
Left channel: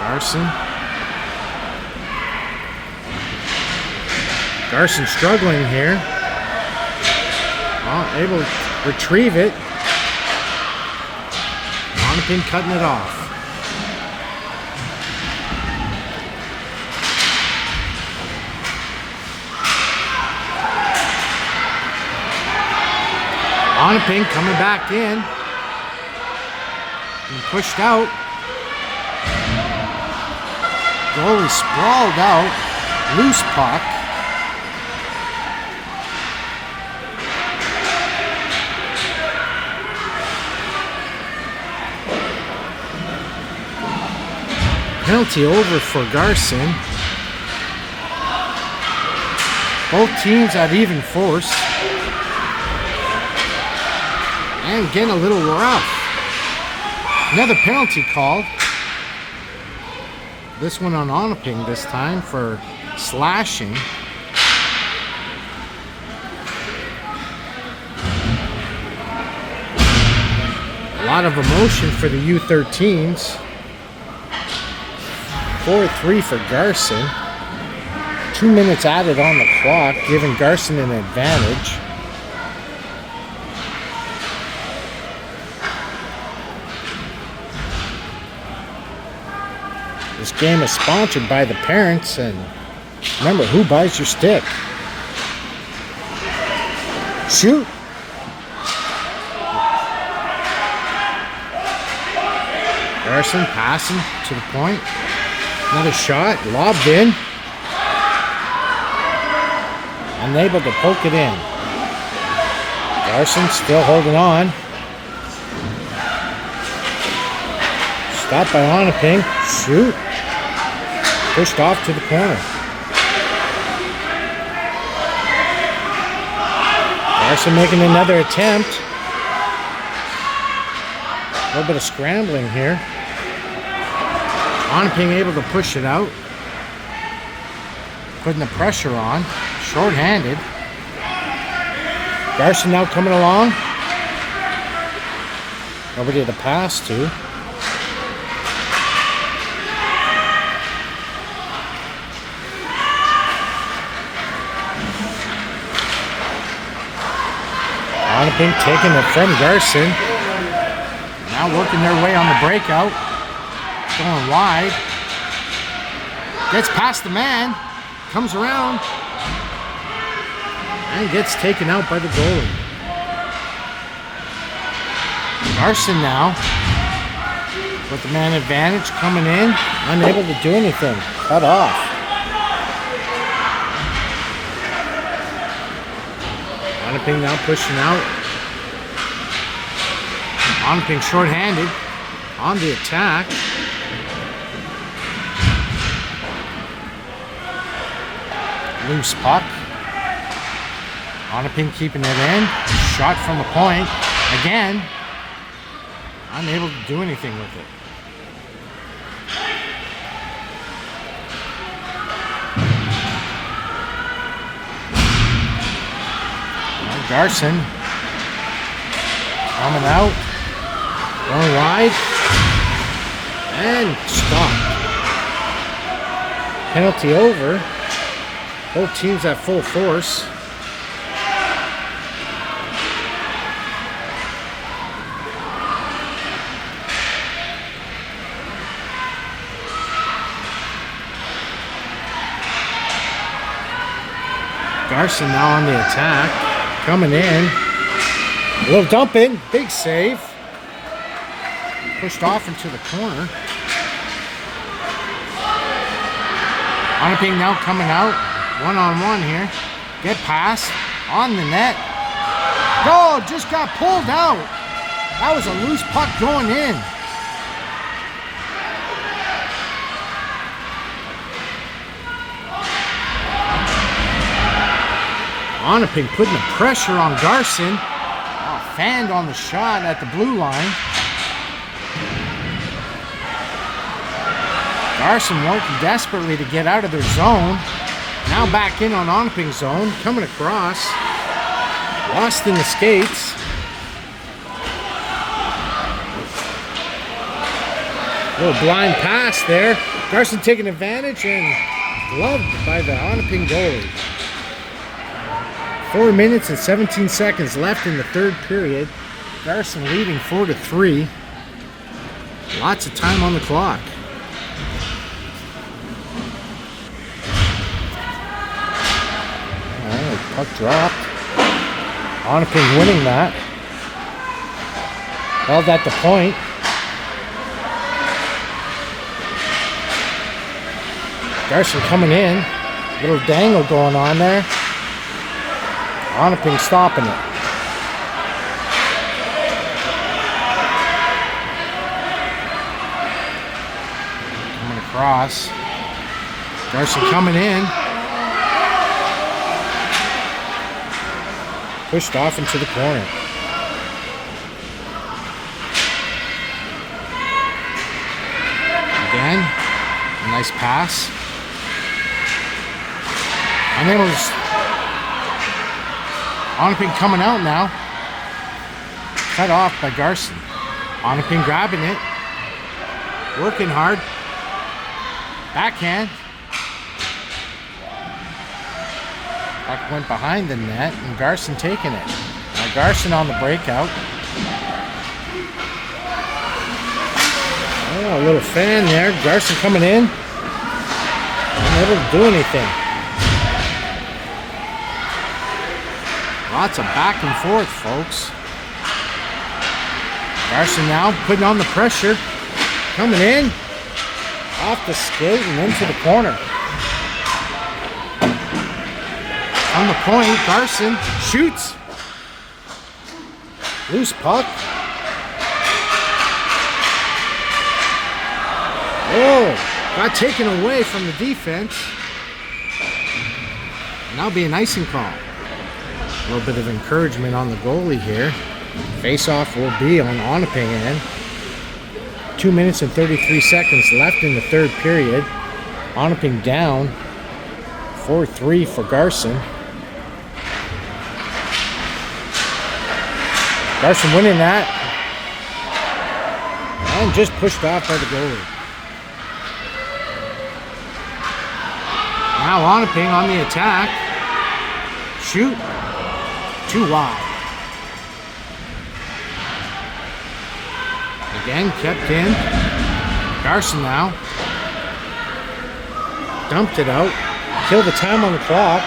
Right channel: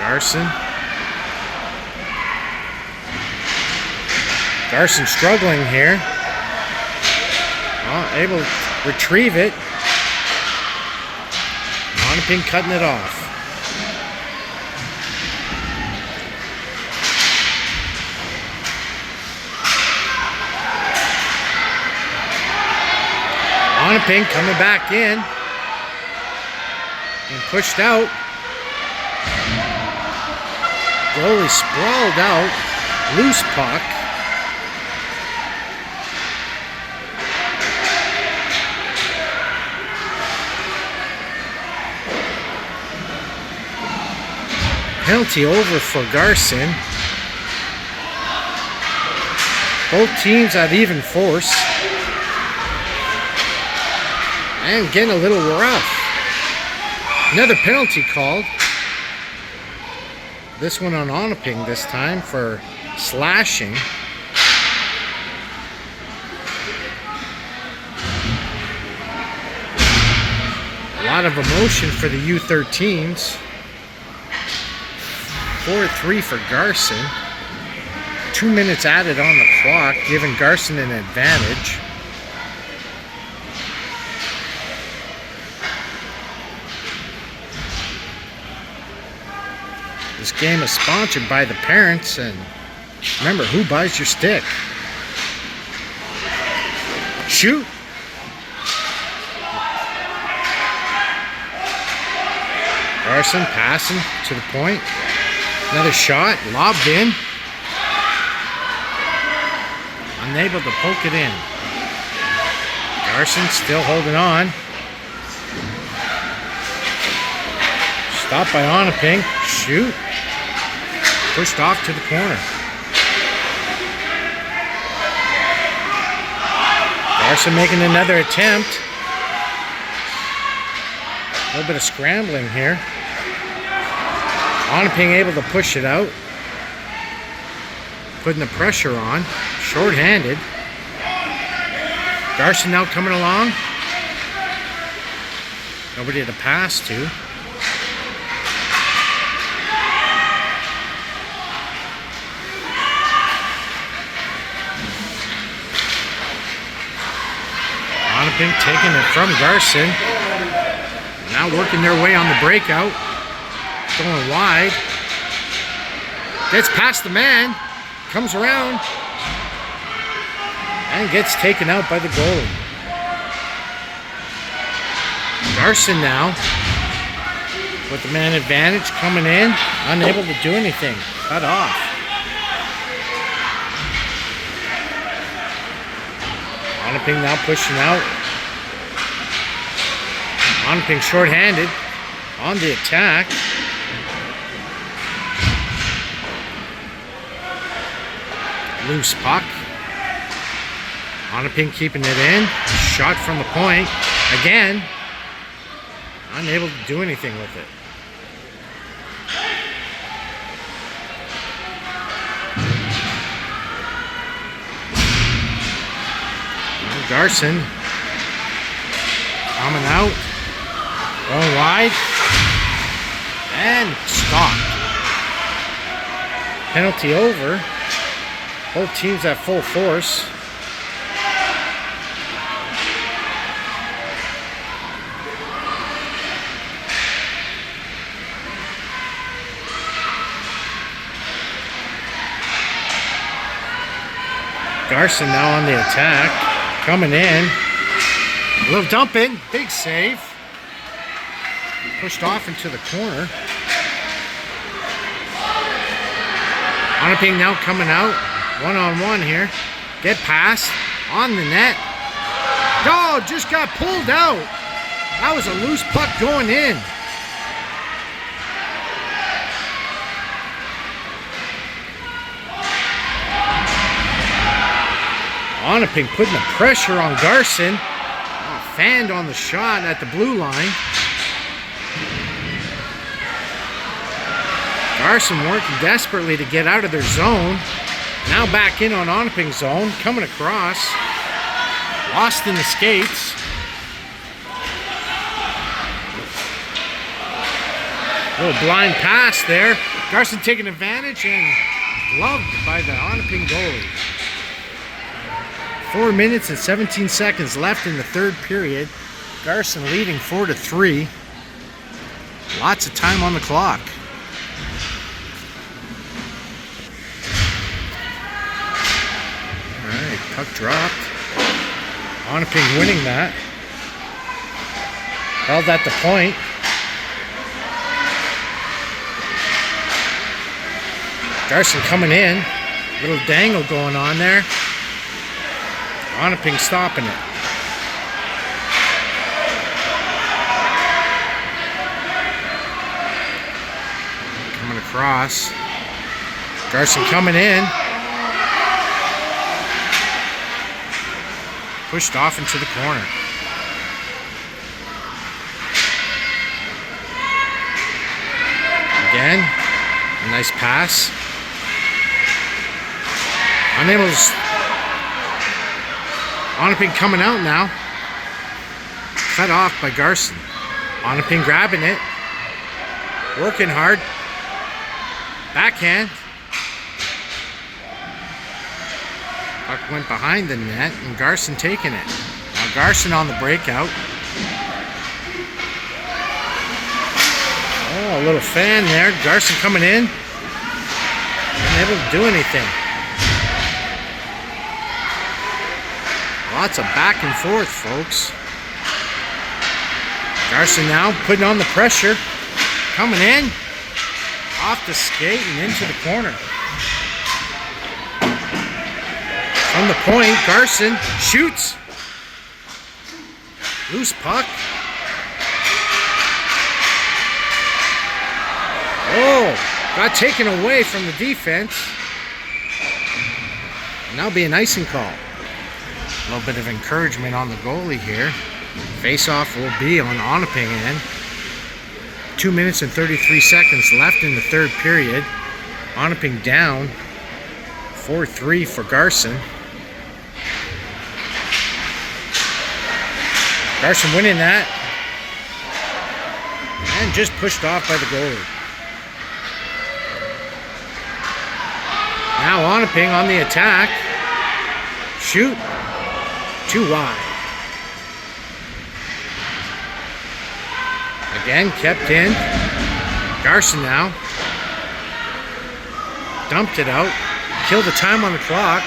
Garson. Garson struggling here. Able to retrieve it. Onaping cutting it off. Onaping coming back in. Being pushed out. Goalie sprawled out. Loose puck. Penalty over for Garson. Both teams at even force. And getting a little rough. Another penalty called. This one on Onaping this time for slashing. A lot of emotion for the U13s. 4-3 for Garson. 2 minutes added on the clock, giving Garson an advantage. This game is sponsored by the parents, and remember, who buys your stick? Shoot! Garson passing to the point. Another shot, lobbed in. Unable to poke it in. Garson still holding on. Stopped by Onaping. Shoot. Pushed off to the corner. Garson making another attempt. A little bit of scrambling here. Onaping able to push it out. Putting the pressure on. Short-handed. Garson now coming along. Nobody to pass to. Onaping taking it from Garson. Now working their way on the breakout. Going wide. Gets past the man. Comes around. And gets taken out by the goalie. Garson now with the man advantage coming in. Unable to do anything. Cut off. Onaping now pushing out. Onaping short-handed on the attack. Loose puck. Onaping keeping it in. Shot from the point. Again. Unable to do anything with it. Well, Garson coming out. Going wide. And stopped. Penalty over. Both teams at full force. Garson now on the attack. Coming in. A little dump in. Big save. Pushed off into the corner. Onaping now coming out. One-on-one here. Get past. On the net. Oh, just got pulled out. That was a loose puck going in. Onaping putting the pressure on Garson. Oh, fanned on the shot at the blue line. Garson working desperately to get out of their zone. Now back in on Onaping's zone. Coming across. Lost in the skates. Little blind pass there. Garson taking advantage and gloved by the Onaping goalie. 4 minutes and 17 seconds left in the third period. Garson leading 4-3. Lots of time on the clock. Alright, puck dropped. Onaping winning that. Held at the point. Garson coming in. Little dangle going on there. Onaping stopping it. Coming across. Garson coming in. Pushed off into the corner. Again, a nice pass. Unable to... Onaping coming out now. Cut off by Garson. Onaping grabbing it. Working hard. Backhand. Puck went behind the net and Garson taking it. Now Garson on the breakout. Oh, a little fan there. Garson coming in. Unable to do anything. Lots of back and forth, folks. Garson now putting on the pressure. Coming in. Off the skate and into the corner. On the point, Garson shoots. Loose puck. Oh, got taken away from the defense. Now be an icing call. A little bit of encouragement on the goalie here. Face-off will be on Onaping end. 2 minutes and 33 seconds left in the third period. Onaping down 4-3 for Garson. Garson winning that. And just pushed off by the goalie. Now Onaping on the attack. Shoot. Too wide. Again, kept in. Garson now. Dumped it out. Killed the time on the clock.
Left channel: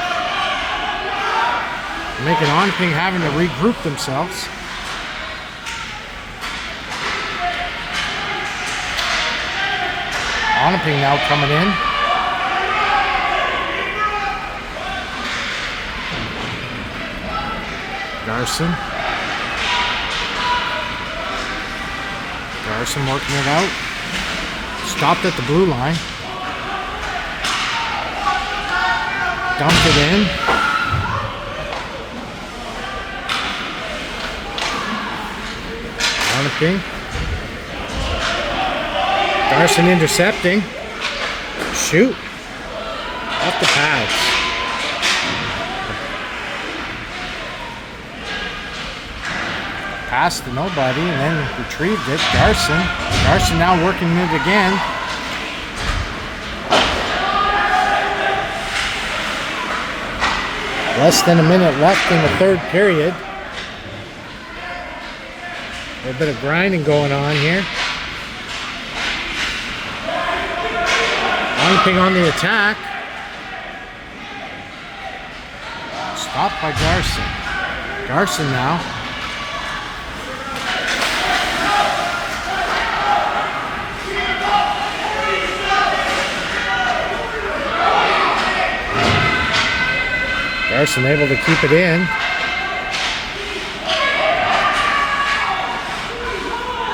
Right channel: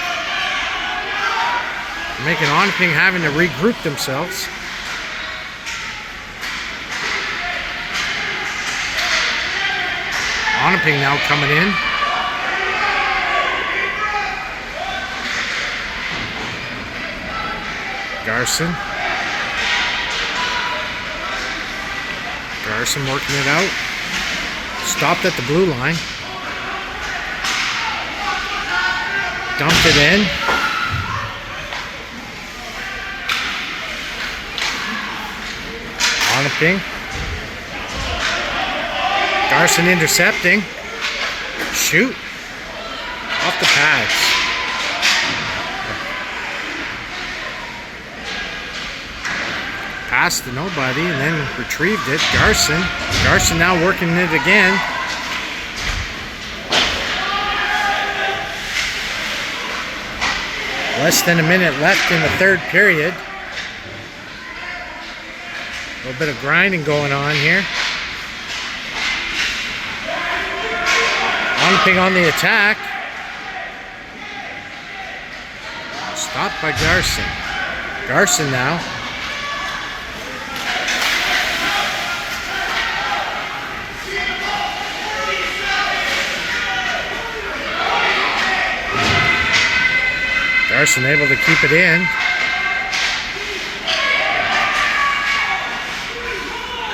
Making Onaping having to regroup themselves. Onaping now coming in. Garson. Garson working it out. Stopped at the blue line. Dumped it in. Onaping. Garson intercepting. Shoot. Off the pads. Pass to nobody and then retrieved it. Garson. Garson now working it again. Less than a minute left in the third period. A little bit of grinding going on here. Onaping on the attack. Stopped by Garson. Garson now. Garson able to keep it in.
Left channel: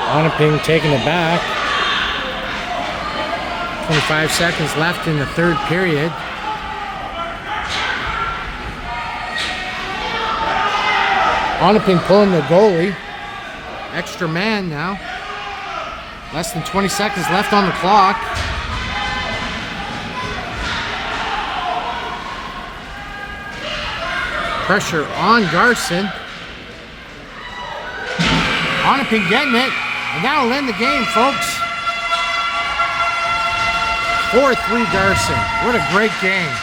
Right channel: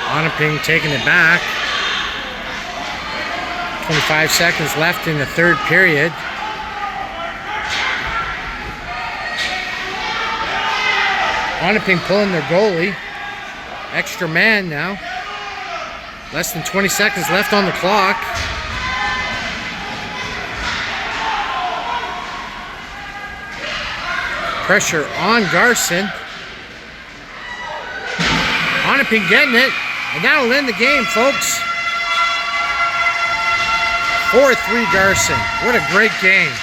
Onaping taking it back. 25 seconds left in the third period. Onaping pulling the goalie. Extra man now. Less than 20 seconds left on the clock. Pressure on Garson. Onaping getting it. And that'll end the game, folks. 4-3 Garson. What a great game.